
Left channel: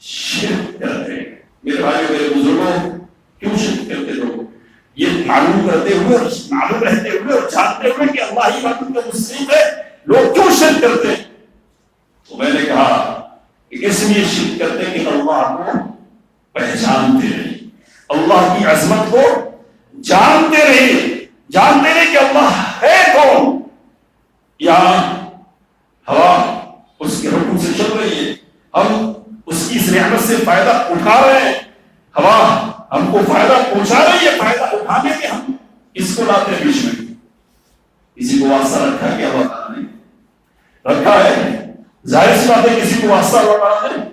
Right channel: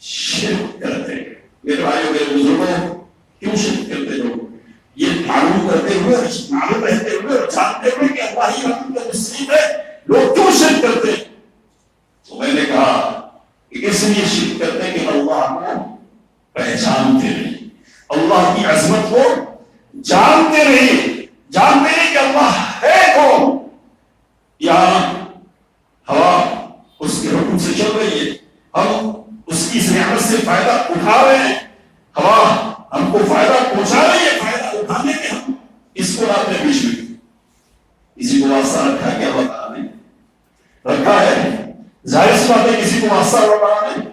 شرک کرتے ہیں. میرے بھائیو میرے بزرگوں کیوں شرک کرتے لوگ یہ معلوم کرتے ہوئے معلوم رہتے ہوئے اور جانتے ہوئے کہ اللہ ہی معبود کا مستحق ہے لوگ کیوں شرک کرتے ہیں. تو میں نے کہا کہ اس لیے شرک کرتے ہیں کہ اللہ کو پہچانتے رہے اللہ کی عظمت کو جانتے رہے کہ اللہ ہے کون. یہاں ہوا اس کے حکم سے چل رہی ہے ہم اس کی اس نعمت سے فائدہ اٹھا رہے ہیں. ہوا ہم کو فائدہ پہنچا رہی ہے فائدہ اٹھانے کے ہم اس کو لاتے ہیں بیچ میں. کسی کو واسطہ رکھا کیا اللہ تعالیٰ نے رکھا ہے ظاہر سی بات ہے کسی کو واسطہ اللہ تعالیٰ نے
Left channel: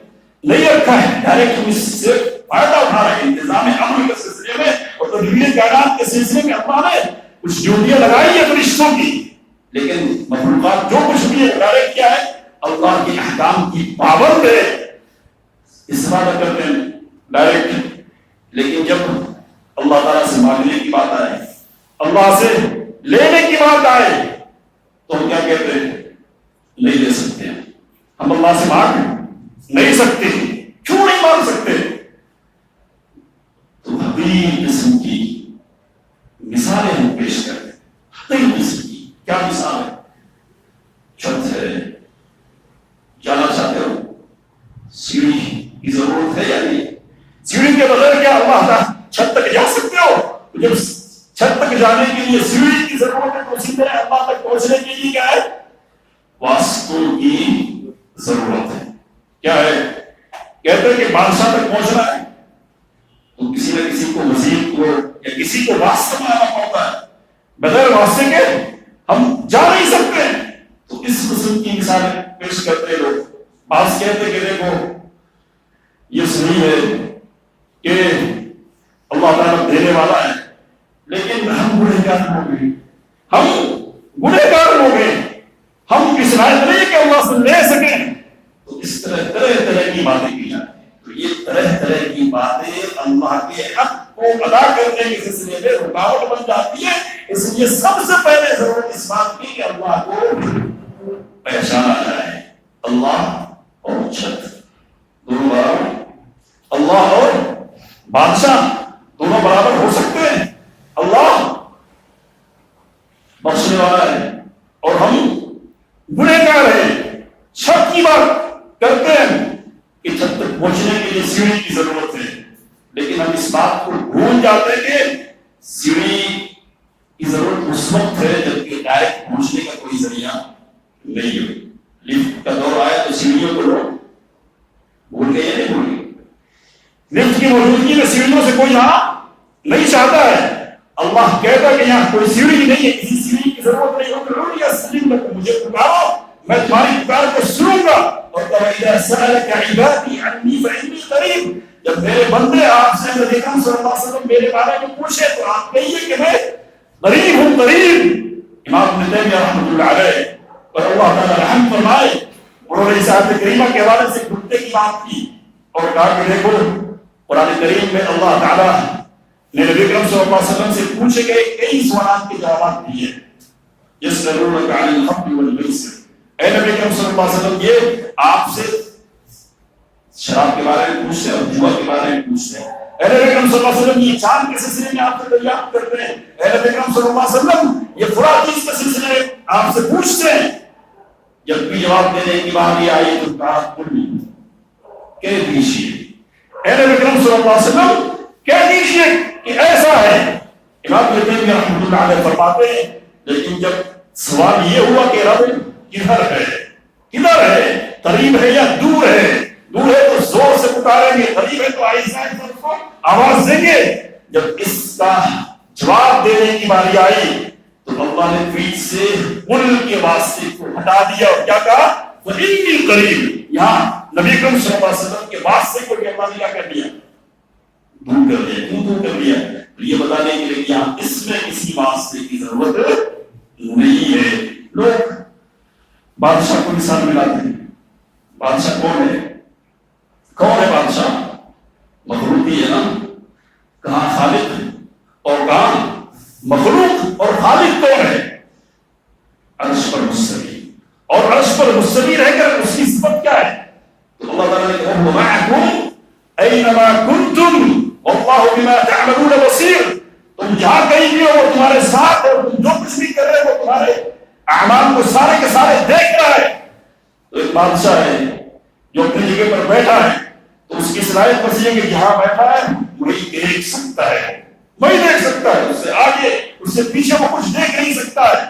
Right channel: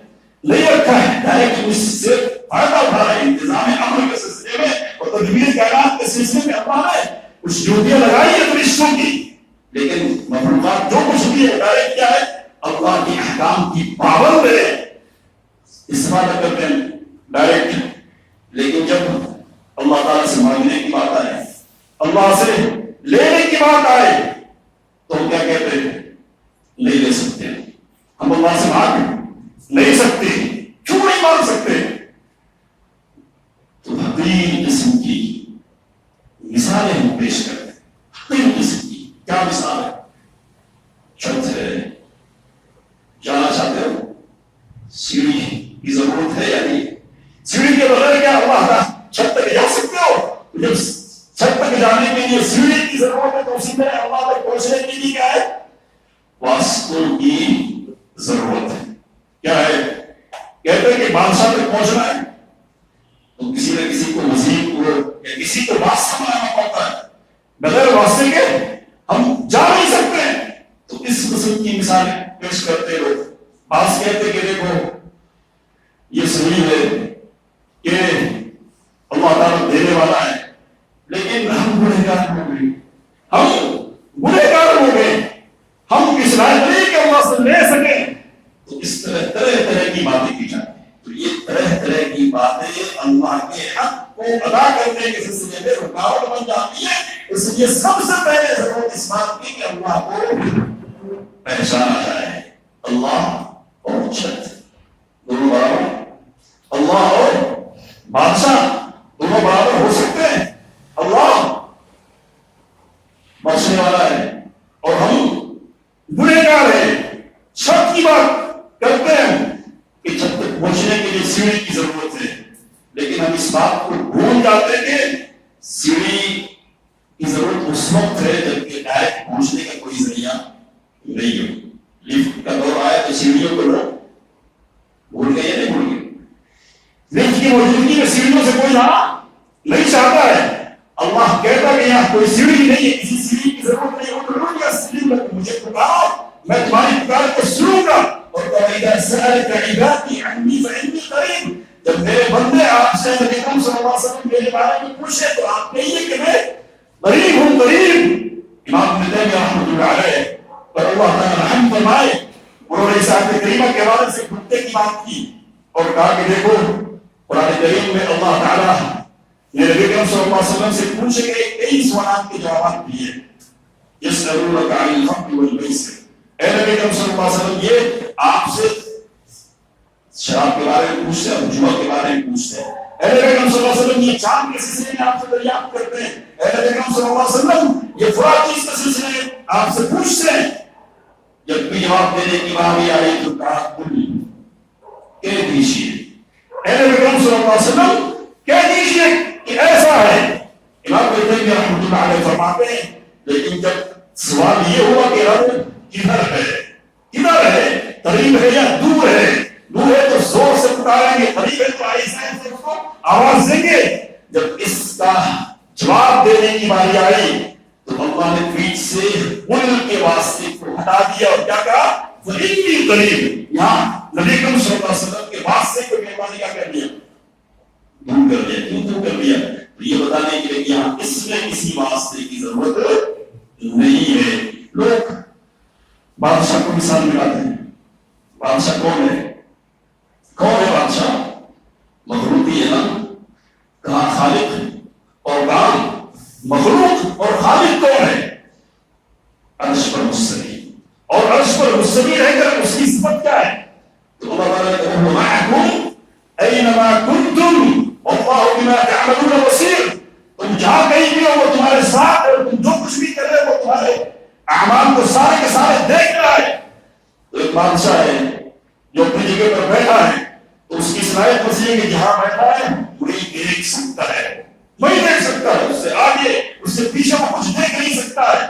نہیں رکھا ہے ڈائریکٹ صرف فائدہ اٹھا رہے ہیں انتظام امن کے سلسلے میں اور تدبیر کائنات کے سلسلے میں اللہ نے کچھ ڈیوٹیاں لگائی ہیں فرشتوں کی، لیکن مخلوقات جو کچھ بھی ڈائریکٹ کیا ہے اللہ کے احکام کی پابند ہے، استفادہ کرتے ہیں ڈائریکٹ۔ لیکن جب اللہ تعالیٰ سے مانگنے کی بات آئے، اللہ سے لینے کی بات آئے تو ہم کیا کہتے ہیں؟ نہیں لے سکتے، ہم اللہ سے مانگ نہیں سکتے، کیوں نہیں مانگ سکتے؟ تو حقیر قسم کی مثالیں ہم پیش کرتے ہیں۔ حقیر قسم کی کیا مثال ہے؟ چھت ہے، جانا چاہتے ہو سیڑھی کی ضرورت ہے یا نہیں؟ سیڑھی کے بغیر کیا اللہ کا چھت تک جا سکتے ہو؟ جب چھت تک جانے کے لیے سیڑھی کی ضرورت ہے تو اسی طرح اللہ تک پہنچنے کے لیے کیا ہے؟ واسطوں کی ضرورت ہے۔ کیا ہے؟ کہتے ہیں کہ بادشاہ تک پہنچنا ہے تو کسی نہ کسی کو مزید کو یا کسی کو واسطہ بنانا پڑتا ہے، بغیر واسطے کے ہم جا نہیں سکتے۔ تو اس قسم کی مثالیں پیش کرتے لوگ۔ بعض کہتے کہ دیکھو یہ صحیح ہے کہ اللہ تعالیٰ دینے والا ہے، لیکن ہم گنہگار ہو گئے، ہم اس لائق نہیں کہ اللہ سے لے سکیں۔ تو اس طرح کی باتیں کی جاتی ہیں۔ تو یہ طرح کی باتیں اللہ کے حق کو ادا کرنے کے سلسلے میں رکاوٹ بن جاتی ہے۔ اس لیے سب سے پہلے ضرورت اس بات کی کہ اللہ کو پہچانا جائے۔ اللہ اور چھت دونوں برابر، اللہ اور بادشاہ دونوں برابر ہو سکتے ہیں؟ اللہ بخشنے والا ہے اور ہم گنہگار ہیں۔ چھت کی بات کرتے ہیں کہ چھت تک پہنچنے کے لیے سیڑھی کی ضرورت ہے، لیکن ہم اس بات کو بھول جاتے ہیں کہ سیڑھی کی ضرورت اس وقت ہے جبکہ ڈائریکٹ پہنچنے کا کوئی ذریعہ نہیں ہو۔ لفٹ کا دور آیا تو سیڑھیوں کو لوگ بھول گئے یا نہیں بھول گئے؟ لفٹ کی موجودگی میں سیڑھیوں سے کوئی یہاں نہیں چاہتا ہے۔ اللہ کہتا ہے کہ یہاں کوئی سیڑھی نہیں ہے، کسی سیڑھی کی ضرورت نہیں ہو تو لوگ یا سلیم لگو، مجھے پکارو میں تمہاری پکار کو سنوں گا۔ اور اذا سألك عبادي عني فإني قريب، جب میرے بندے آپ سے نبی کریم صلی اللہ علیہ وسلم میرے بارے میں پوچھے تو آپ کہیے کہ میں قریب ہوں، قریب۔ امام ابن تیمیہ رحمۃ اللہ علیہ اور اللہ تعالیٰ رحم فرمائے، انہوں نے اس آیت کریمہ کے حوالے سے گھٹنے کی بات کی اور کہا کہ دیکھو قرآن کریم میں اللہ تعالیٰ نے نبی کریم صلی اللہ علیہ وسلم سے پوچھے گئے کئی سوالات کے جوابات دیے۔ یسألونک عن الخمر والمیسر، اے نبی کریم صلی اللہ علیہ وسلم یہ آپ سے شراب کے بارے میں پوچھتے ہیں اور جوا کے بارے میں پوچھتے ہیں۔ اے نبی کریم صلی اللہ علیہ وسلم یہ چاند کے سلسلے میں آپ سے دریافت کرتے ہیں۔ اے نبی کریم صلی اللہ علیہ وسلم یہ فلاں چیز کے سلسلے میں آپ سے پوچھتے ہیں۔ جب بھی جواب دینے کی باری آئی تو کہا کہہ دیجیے، اے نبی کریم صلی اللہ علیہ وسلم کہہ دیجیے کہ ایسا ہے۔ امام ابن تیمیہ رحمۃ اللہ علیہ فرماتے ہیں لیکن جب سوال یہ ہوا کہ رب کدھر ہے، کدھر ہے، قریب ہے یا دور ہے؟ دور ہے تو زور سے پکاریں گے، قریب ہے تو آہستہ سے اس کو آواز دیں گے۔ جب اس کا جواب دینے کی باری آئی تو اللہ نے پیچھے سے قل کے واسطے کو ہٹا دیا اور کیا کہا؟ فإنی قریب۔ یہاں نبی کریم صلی اللہ علیہ وسلم کے واسطے کو بھی اللہ نے کیا کر دیا؟ دور کر دیا۔ کیوں دور کر دیا؟ یہ بتانے کے لیے کہ یہاں اس میں کسی واسطے کی ضرورت نہیں ہے۔ لوگ بادشاہ کو مثال ملاتے ہیں۔ بادشاہ کون ہے؟ کون ہے بادشاہ؟ مخلوقی ہے نا، کہاں خالق اور کہاں مخلوق، اور خالق کون ہے؟ عرش پر مستوی، اور عرش پر مستوی رہ کر اس کی صفت کیا ہے؟ تو اللہ تعالیٰ نے کہا معکم اینما کنتم واللہ بما تعملون بصیر، تم جہاں کہیں بھی ہو وہ تمہارے ساتھ ہے، اور تم جو کچھ بھی کر رہے ہو وہ تمہارے اعمال کو سارے کے سارے دیکھ رہا ہے۔ تو ایک بادشاہ ہے جو اپنی جگہ پر بیٹھا ہے تو اس کی صلاحیت بس یہ کہ جہاں بیٹھا ہے وہی دیکھ سکتا ہے، وہی دیکھ سکتا ہے، اس سے آگے اس سے پیچھے وہ کچھ دیکھ نہیں سکتا ہے۔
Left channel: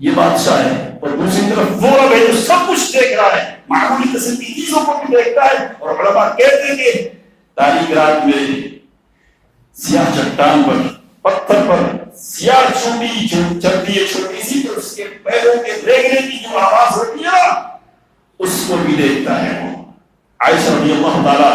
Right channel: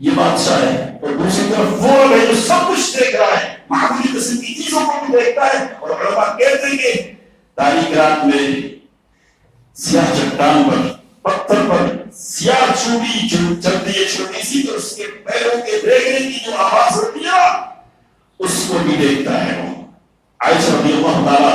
یہ بادشاہ ہے، اور دوسری طرف وہ ہے جو سب کچھ دیکھ رہا ہے، معمولی قسم کی چیزوں کو بھی دیکھتا ہے۔ اور علماء کہتے ہیں کہ تاریک رات میں سیاہ چٹان پر، پتھر پر سیاہ چوٹی جو چلتی ہے چھوٹی سی، تو اس کے پیروں کے ریگنے کی جو آواز ہوتی ہے نا اس کو بھی دیکھتا ہے وہ۔ عائشہ رضی اللہ تعالیٰ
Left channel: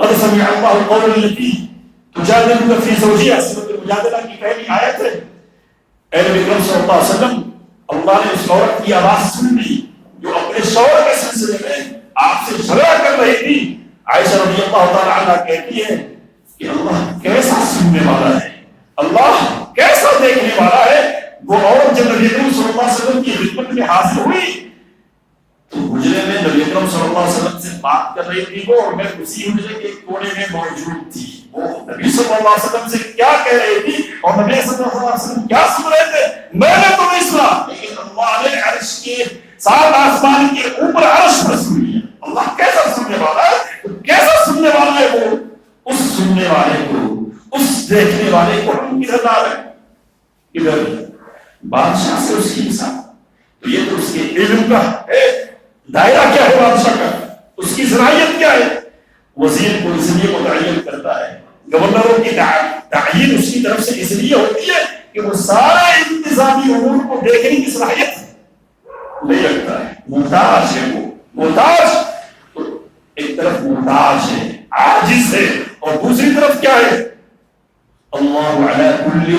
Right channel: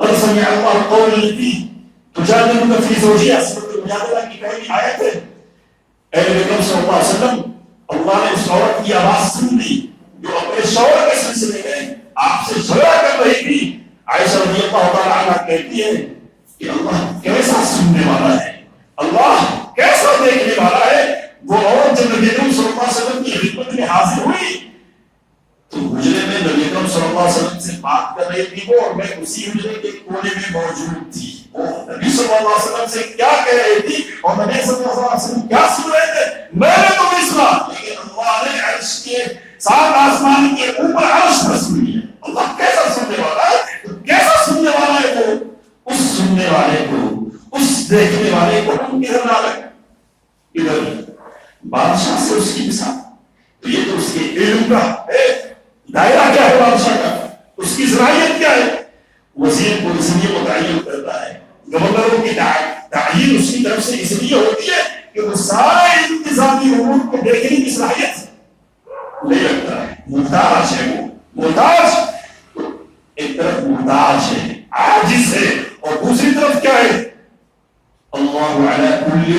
قد سمع الله قول التي تجادلك في زوجها سورۃ المجادلہ کی پہلی آیت ہے اے نبی کریم صلی اللہ علیہ وسلم اللہ نے اس عورت کی آواز سن لی جو اپنے شوہر کے سلسلے میں آپ سے جھگڑا کر رہی تھی عائشہ رضی اللہ تعالی عنہا کہتی ہے کہ اللہ کیسا سننے والا ہے اللہ کیسا دیکھنے والا ہے وہ عورت جب نبی کریم صلی اللہ علیہ وسلم کی خدمت میں حاضر ہوئی تو حجرے میں نبی اکرم صلی اللہ علیہ وسلم سے بات کر رہی تھی وہ اور میں اسی حجرے کے کونے میں موجود تھی وہ نبی صلی اللہ علیہ وسلم سے کیا کہہ رہی تھی اور نبی صلی اللہ علیہ وسلم کیا سن رہے تھے میں نے تو نہیں سنا لیکن اللہ نے عرش کے سات آسمان کے اوپر عرش پر سن لیا اللہ کیسا سننے والا ہے کیسا سننے والا ہے وہ اس سننے والے کو اس دیکھنے والے کو ہم کدھر لا رہے ادھر بادشاہ سے اس کی مثال تو یہ تو اس کے علم کا ہے دائرہ کیا ہے بادشاہ کا اس کی صلاحیت کیا ہے وزیر کو اس لیے متعین کرتا ہے گورنروں کی تعین اس کی طرف سے اس لیے ہوتی ہے کہ وہ سارے انتظامی امور کو دیکھنے کی صلاحیت لے رکھتا ہے محتاج ہے وہ محتاج تو ایک طرف محتاج ہے عاجز ہے اور دوسری طرف کیا ہے اللہ علی کل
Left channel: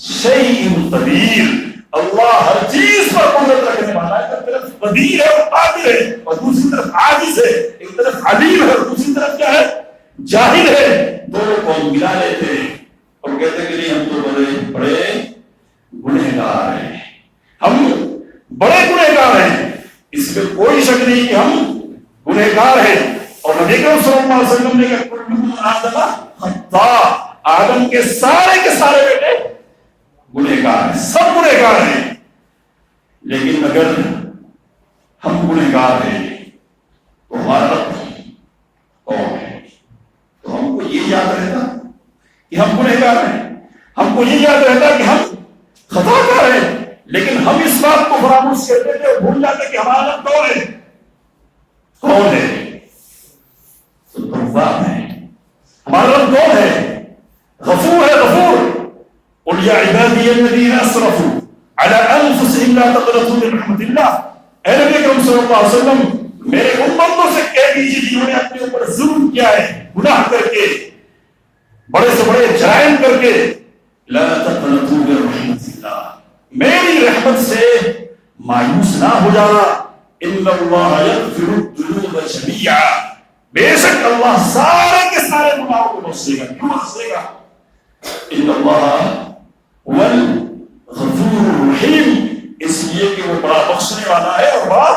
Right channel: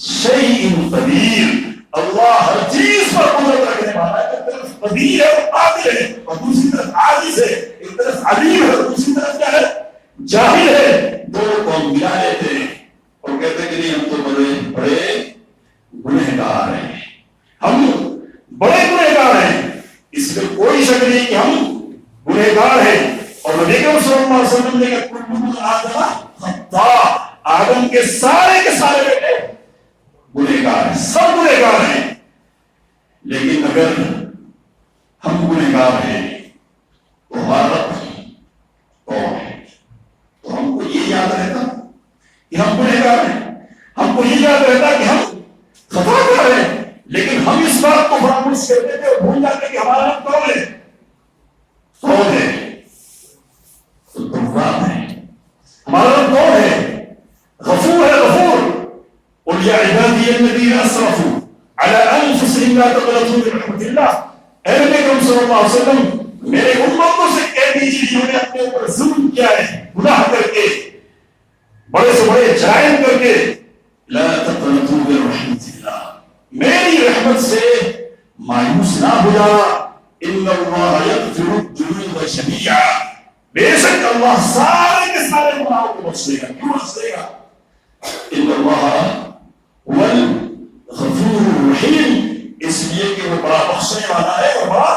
شیء قدیر اللہ ہر چیز پر قدرت رکھنے والا ہے ایک طرف قدیر ہے اور قادر ہے اور دوسری طرف عاجز ہے ایک طرف علیم ہے اور دوسری طرف کیا ہے جاہل ہے دونوں کو ملا لیتے ہیں اور کہتے ہیں کہ نہیں ہم تو بڑے گنہگار ہیں ہم بڑے گنہگار ہیں اس میں کوئی شک نہیں کہ ہم گنہگار ہیں اور نبی کریم صلی اللہ علیہ وسلم نے کہا کل آدم خطاء آدم کے سارے بیٹے گنہگار ہیں سب گنہگار ہیں لیکن اگر ہم گنہگار ہیں تو ہمارا رب کون ہے تو ہم کو یہ یاد رہتا کہ ہم گنہگار ہیں ہم کو یہ یاد رہتا کہ ہم خطا کر رہے ہیں لیکن ہم اس بات کو فراموش کرتے تھے اور بھول جاتے کہ ہمارا رب کون ہے تو تواب ہے ہمارا رب کون ہے غفور ہے غفور قل یا عبادی الذین اسرفوا علی انفسهم لا تقنطوا من رحمت اللہ اے نبی کریم صلی اللہ علیہ وسلم میرے امتوں سے کہہ دیجیے جنہوں نے اپنے اوپر ظلم کیا ہے گناہ کر کے بڑے سے بڑے جرائم کر کے لا تقنطوا من رحمت اللہ میری رحمت سے مایوس نہ ہو جانا ان اللہ یغفر الذنوب جميعا بے شک اللہ سارے کے سارے گناہوں کو بخش دے گا کیوں بخش دے گا ان اللہ هو الغفور الرحیم اس لیے کہ وہ بڑا بخشنے والا ہے اور بڑا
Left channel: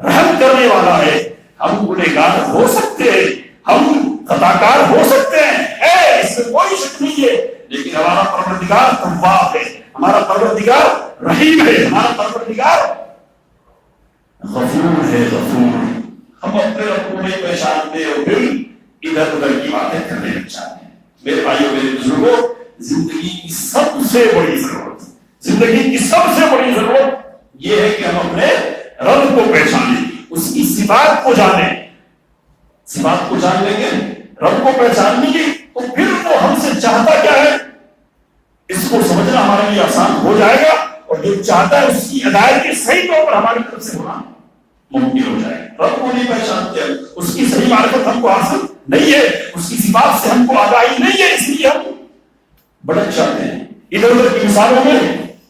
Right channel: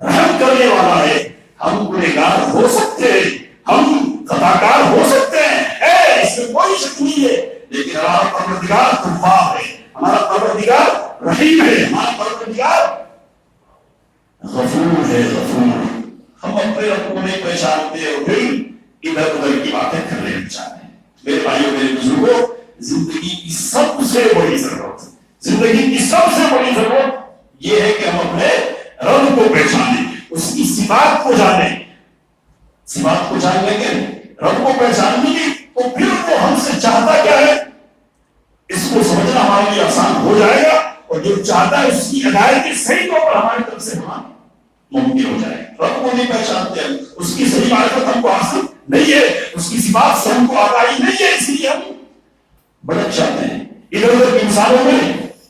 رحم کرنے والا ہے ہم گنہگار ہو سکتے ہیں ہم خطاکار ہو سکتے ہیں اس میں کوئی شک نہیں ہے لیکن ہمارا پروردگار تواب ہے ہمارا پروردگار رحیم ہے ہمارا پروردگار غفور ہے غفور ہم اپنے رب کو نہیں پہچانتے اور پھر ادھر ادھر کی باتیں کرنے لگ جاتے ہیں میرے بھائیوں میرے بزرگوں زندگی کی سب سے بڑی ضرورت یہ ہے کہ ہم اپنے رب کو پہچانیں اس کی صفات کو جانیں صفات کو جان لیں گے رب کو پہچان لیں گے تو پھر وہ ہم سے چاہتا کیا ہے اس کو سمجھنا ہمارے لیے آسان ہو جائے گا اور جو چاہتا ہے اس کی ادائیگی صحیح طور پر ہماری طرف سے ہونا ممکن ہو جائے گا رب کو نہیں پہچانتے اس کی صحیح معرفت ہم کو حاصل نہیں ہے اس کی صفات سے ہم کو آگاہی نہیں ہے اس لیے ہم بڑک جاتے ہیں ادھر ادھر کے انسانوں میں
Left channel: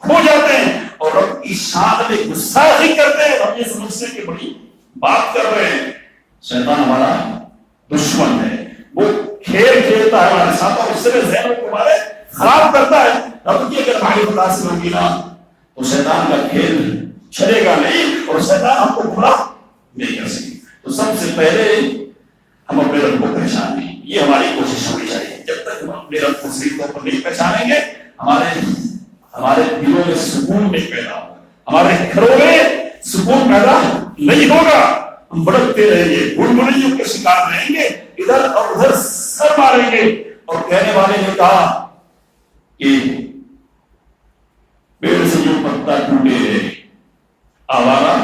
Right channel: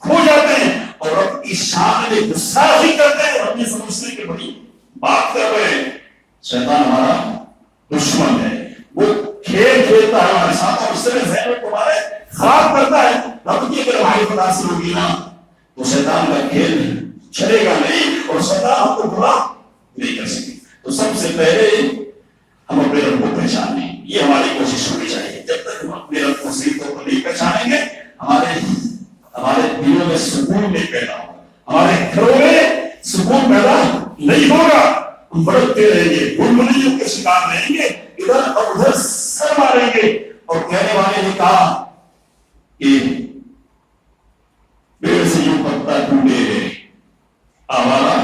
کھو جاتے ہیں اور رب کی شان میں گستاخی کرتے ہیں ہم یہ سمجھتے ہیں کہ بڑی بات کر رہے ہیں شیطان ہمارا دشمن ہے وہ کھیل کھیلتا ہے ہمارے ساتھ اور اس سے ذہن کو ہمارے خراب کرتا ہے رب کی اگر ہماری متاثر ہوگی نا تو شیطان کا کھیل چلے گا نہیں اور شیطان ہم کو برا نہیں کر سکے تو سب سے پہلے ہم اپنے رب کو پہچانیں یہ ہماری کوشش ہونی چاہیے جب تک ہم اپنے رب کو صحیح طور پر نہیں پہچانیں گے ہمارے دلوں میں سکون نہیں پیدا ہوگا ہمارے گھروں میں سکون پیدا نہیں ہوگا ہم بڑکتے رہیں گے بھڑبڑیوں کے شکار رہیں گے ادھر اور ادھر سر ماریں گے اور کہنے والے نے کہا کہ پیڑ سے جو پتا ٹوٹے آوارہ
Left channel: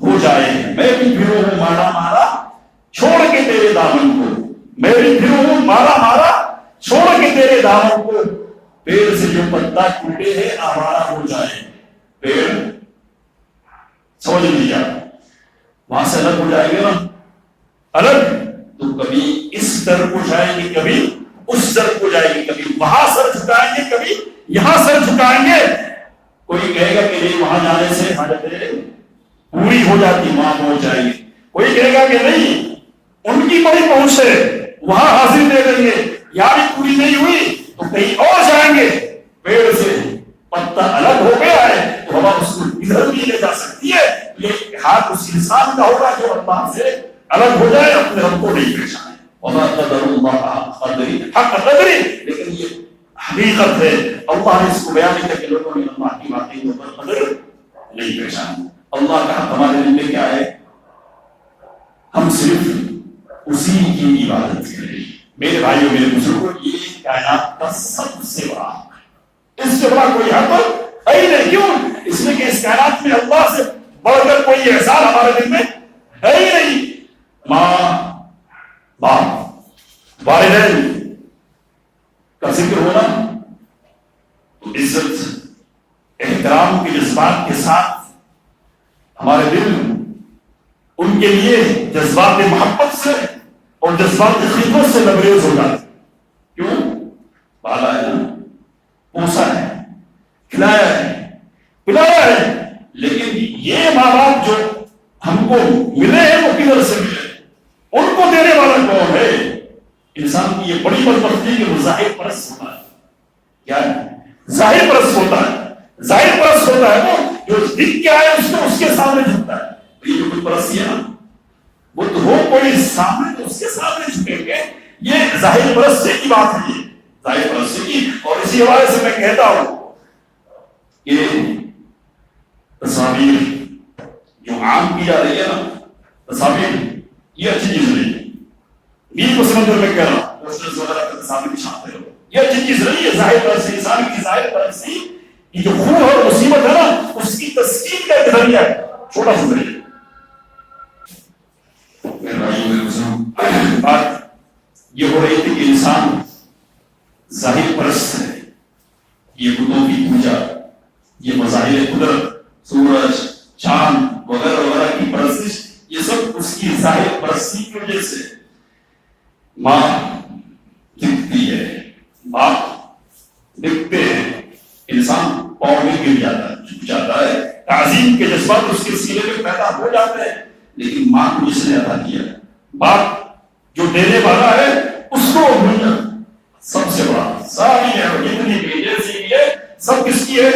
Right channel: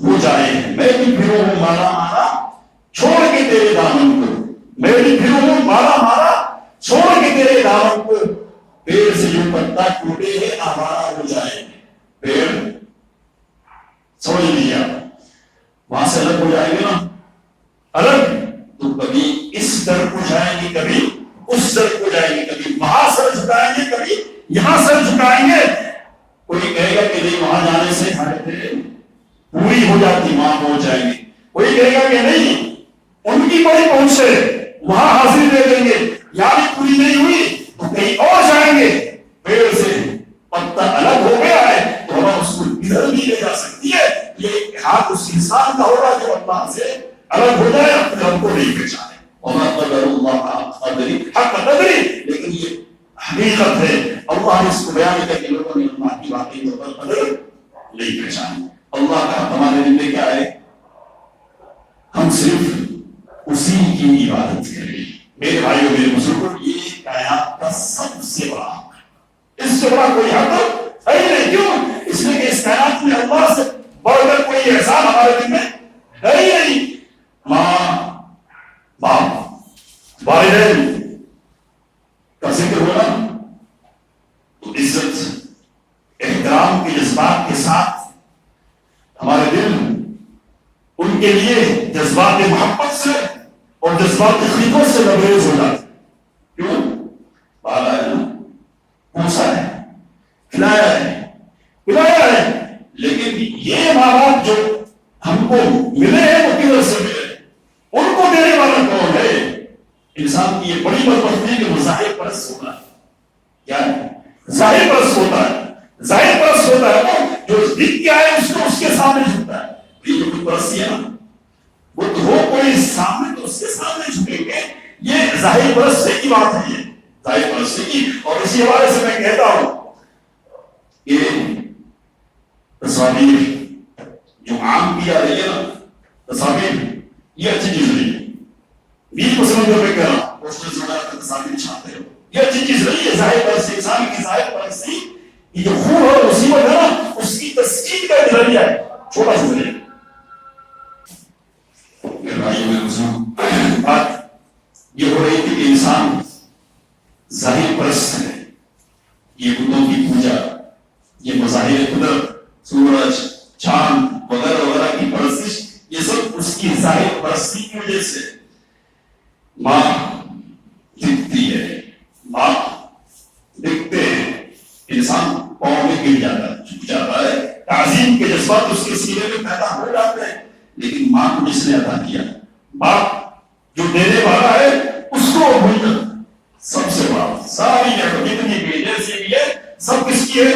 ہو جائے میں بھی پھروں ہوں مارا مارا چھوڑ کے تیرے دامن کو میں بھی پھروں ہوں مارا مارا چھوڑ کے تیرے دامن کو پیڑ سے جو پتا ٹوٹے ہے آوارہ ہو جائے پیڑ سمجھ لیا وہاں سے الگ ہو جائے گا نا الگ جھکائیں گے کبھی اس طرف کو جائیں گے, کبھی وہاں سر جھکائیں گے کبھی یہاں سر جھکائیں گے. کوئی کہے گا کہ نہیں وہاں جانے سے حاجتیں پوری ہو جاتی, وہاں پہنچ جائیں گے. کوئی کہے گا کہ نہیں ان کی بڑی پہنچ ہے وہاں حاصل دے دیں گے, یہاں بھی پوری نہیں ہوئی تو کہیں اور جائیں گے. پیڑ سے پتا الگ ہو گیا ہے تو ہم اس کو ادھر بھی لے جا سکتی ہے. یہ ہاتھ اس انسان کا ہوگا جو اللہ سے الگ ہو جائے, اپنے رب کو نہیں پہچانے. وما قدر اللہ حق قدری, لیکن یہ حقیقت ہے. اللہ اس کو بیان کر کے لوگوں نے اللہ کی باتیں تو قدر نہیں پہچانی. اللہ کا حق ہمارے دل میں کیا ہے؟ ہم صرف اسی کی عبادت کریں. میرے بھائیوں میرے بزرگوں, یہ کائنات کا سب سے بڑا حق, اس سے بڑا کوئی حق ہے نہیں. کیوں؟ اس لیے کہ اس کائنات میں اللہ سے بڑھ کر کوئی احسان ہمارے دل میں ہے ہی نہیں. ماں باپ والدین کا ذکر ہونا تو عزت احترام کے جذبات کے ساتھ ہمارے دل ان کے لیے جذبات محبت سے اور جذبات خدمت سے لبریز ہو جاتے. کیوں؟ پالا ہے نا, پوسا ہے, کھلایا ہے, پلایا ہے. لیکن یہ ماں باپ جو ہم کو ملے ہیں وہ کدھر سے ملے؟ ان کو دینے والا کون ہے؟ انسان کی یہ بڑی بدبختی ہے کہ وہ ظاہر پرست ہوتا ہے. کیا ہے؟ ظاہر پرست ہوتا ہے. ظاہر پرست ہوتا ہے وہ جو دکھ کے آئے اس کو اس کے سامنے جھکتا ہے. یہ جو کوئی پرستی ہے نا, وہ تو ہو کوئی سامنے تو اس کے سامنے جھکیں گے. یہ ظاہر پرستی کی بات ہے, یہ ظاہر پرستی کی. اور اسی حوالے سے میں کہتا ہوں کہ تصاویر جو عام کی جا رہی ہے نا, تصاویر یہ اچھی چیز نہیں ہے. 20% میں کہہ رہا ہوں پوسٹرز وغیرہ کا تصاویر چھاپتے ہو, یہ اچھی چیز نہیں ہے. ظاہر پرستی, انسان کی ظاہر پرستی یہ جو خون اور مصیبت ہے نا, اس کی تسکین کا ذریعہ ہے, چھوٹا سا ذریعہ. میرے بھائیوں میرے بزرگوں, بات یہ ہو رہی تھی کہ انسان ظاہر پرست ہے. یہ بتوں کی پوجا, یہ مظاہر قدرت, سورج چاند وغیرہ وغیرہ کی پرستش, یہ سب اس کی ظاہر پرستی کی وجہ سے. ماں دکھتی ہے, باپ دکھتے ہیں, انسان پاؤں میں گر جاتا ہے, جھک جاتا ہے, تعظیم کے جذبات اس کے سینے میں پیدا ہو جاتے ہیں. لیکن ماں کو جس نے عطا کیا, باپ جو دینے والا ہے, اس کو ملنا سب سے بڑا. ساری نعمت جتنی بھی جیسی بھی ہے سب کس کی ہے؟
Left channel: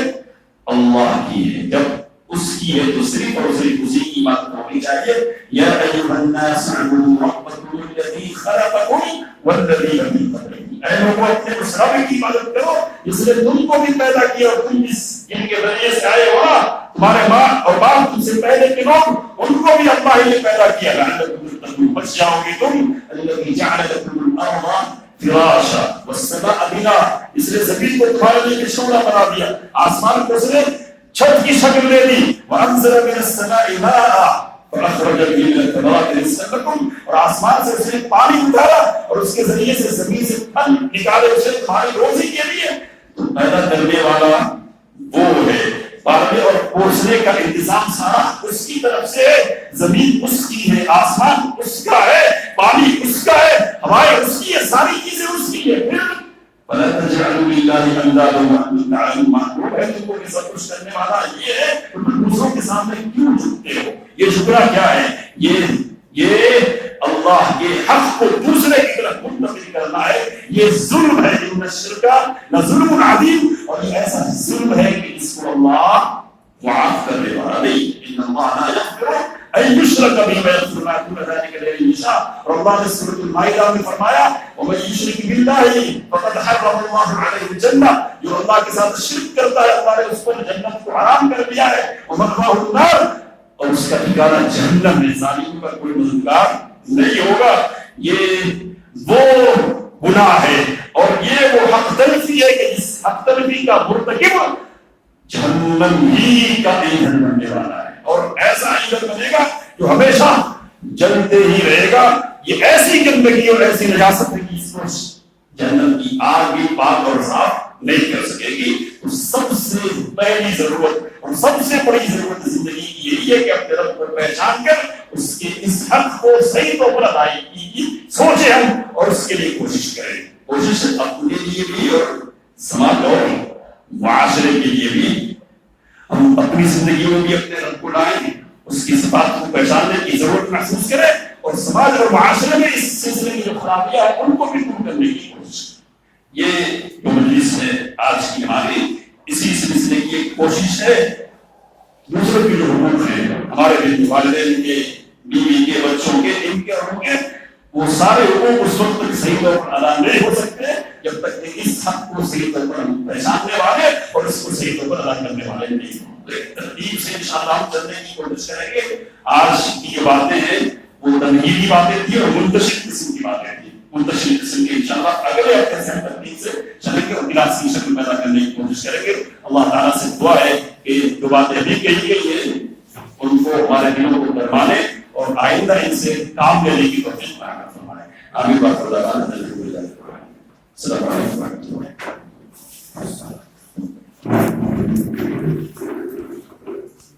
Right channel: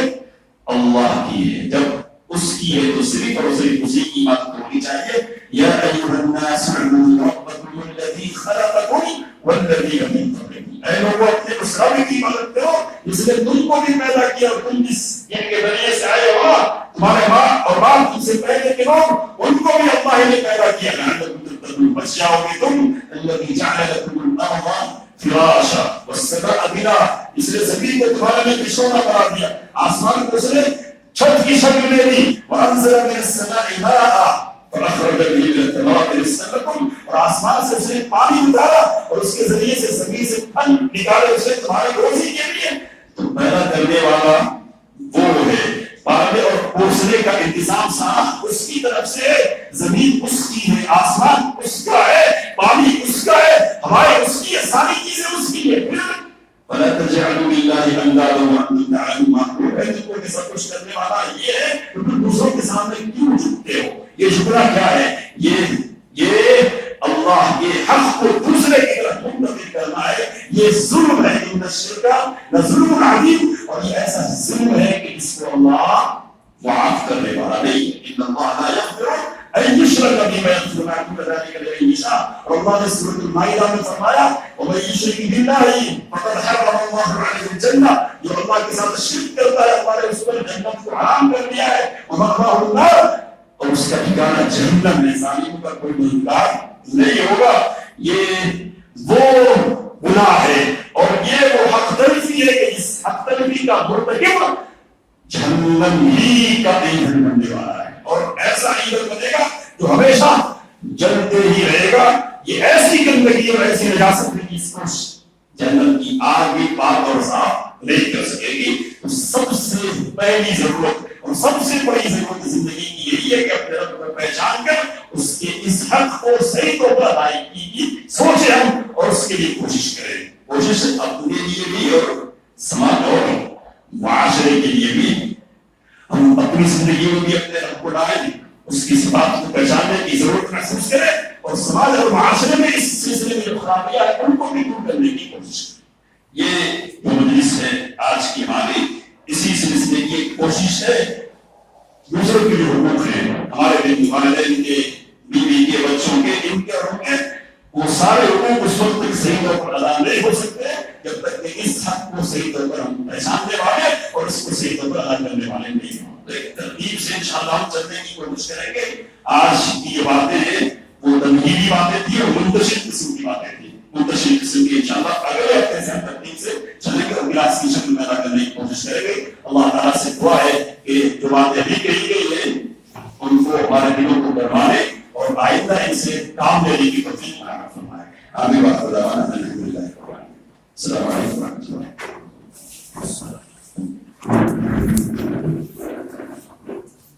اللہ کی ہے. جب اس کی ہے تو صرف اور صرف اسی کی بات ہونی چاہیے. یا ایھا الناس اعبدوا ربکم الذی خلقکم والذین من قبلکم, اے لوگوں اپنے اس رب کی عبادت کرو جس نے تم کو بھی پیدا کیا اور تم جس جن کے ذریعے سے آئے ہو نا, تمہارے ماں اور باپ تم سے پہلے کے لوگ, ان کو بھی اللہ نے پیدا کیا. لعلکم تتقون, بچ جاؤ گے تم. الذی جعل لکم الارض فراشا والسماء بنا, اس نے زمین کو تمہارے لیے بچھونا بنا دیا, آسمان کو اس نے چھت کی شکل دے دی. وانزل من السماء ماء فاخرج به من الثمرات رزقا لكم, اور آسمان سے اس نے پانی اتارا اور اس کے ذریعے سے زمین سے پھل نکالے, اسے تمہاری روزی کے لیے. تو پیدا کرنے والا وہ ہے, پالنے اور پوسنے کا انتظام سارا اس کی طرف سے ہے. زمین اس کی ہے, آسمان اس کا ہے, پانی اس کا ہے, ہوائیں اس کی ہے, ساری چیزیں اس کی ہے. پھر فلا تجعلوا لله اندادا وانتم تعلمون, معلوم ہے تم کو یہ سب کچھ کرنے والا یہ ہے, تو تم دوسروں کے سامنے کیوں جھکتے ہو؟ یہ جھکنا کیا ہے؟ یہ اللہ کے حق کو دوسرے کی طرف منتقل کرنا ہے. یہ ظلم ہے. ان الشرک لظلم عظیم, اور یہ ایسا ظلم ہے کہ اس کو اللہ معاف کرنے والا نہیں. ان اللہ لا یغفر ان یشرک به ویغفر ما دون ذلک لمن یشاء. اور اللہ نے سورۃ المائدہ میں فرمایا ومن یشرک باللہ فقد حرم اللہ علیہ الجنہ, جو اللہ کے ساتھ شرک کرتا ہے اللہ نے اس پر جنت کو حرام کر دیا ہے. ومأواه النار, اور اس کا ٹھکانہ جہنم ہے. ظالموں کا کوئی مددگار نہیں ہوگا. یہ وہ گناہ ہے اور یہ وہ حق تلفی ہے کہ جس حق تلفی کا مرتکب جہنم ہی کا ایندھن بننے والا ہے. اور ایسا ایندھن بنے گا جو ہمیشہ جلتے ہی رہے گا. یہ ایسی گندگی اور ایسی نجاست ہے کہ اس کو جہنم کی آگ بھی پاک اور صاف نہیں کر سکے گی. تو سب سے پہلی ضرورت اور سب سے بڑی ضرورت زندگی کی یہی ہے کہ اپنے رب کو پہچان کر اس کے اس حق کو صحیح طور پر ادائیگی کی سوچیں ہم, اور اس اس کے لیے کوشش کریں. کوشش اپنے لیے بھی اور سماج اور معاشرے کے لیے بھی. ہم اپنی زندگی میں بھی اپنے رب کو لائیں, اس کی صفات کو پہچاننے کی ضرورت محسوس کریں, اور سماج اور معاشرے میں اس سلسلے میں جو خرابیاں ہیں ان کو بھی دور کرنے کی کوشش کریں. یہ جو مجلس ہے آج کی ہماری, اسی سلسلے کی ایک کوشش ہے. دوسروں کے جو حقوق ہیں, ہمارے والدین کے, بیوی کے, بچوں کے, ان کے حقوق ہیں, وہ سارے حقوق اس وقت تک صحیح طور پر ادا نہیں ہو سکتے جب تک کہ اس حق کو صحیح طور پر ہم پہچاننے والے اور اس کو صحیح طور پر ادا کرنے والے نہیں ہوں. تو ایک ترتیب سے انشاءاللہ ہم چلنے کی کوشش کریں گے. آج کی یہ باتیں ہیں وہ تمہیدی باتیں تھیں اور منتشر قسم کی باتیں تھیں. منتشر قسم کی انشاءاللہ اگلے ہفتے سے ہم ترتیب سے چلیں گے اور کلاس کی شکل پیدا کرنے کی کوشش کریں گے. اللہ تعالیٰ سے دعا ہے کہ جو باتیں ابھی کہی گئی ہیں ان کو ہمارے دلوں کو درمانے اور آئندہ ان سے کام لینے کی توفیق عطا فرمائے. آمین. السلام علیکم ورحمۃ اللہ.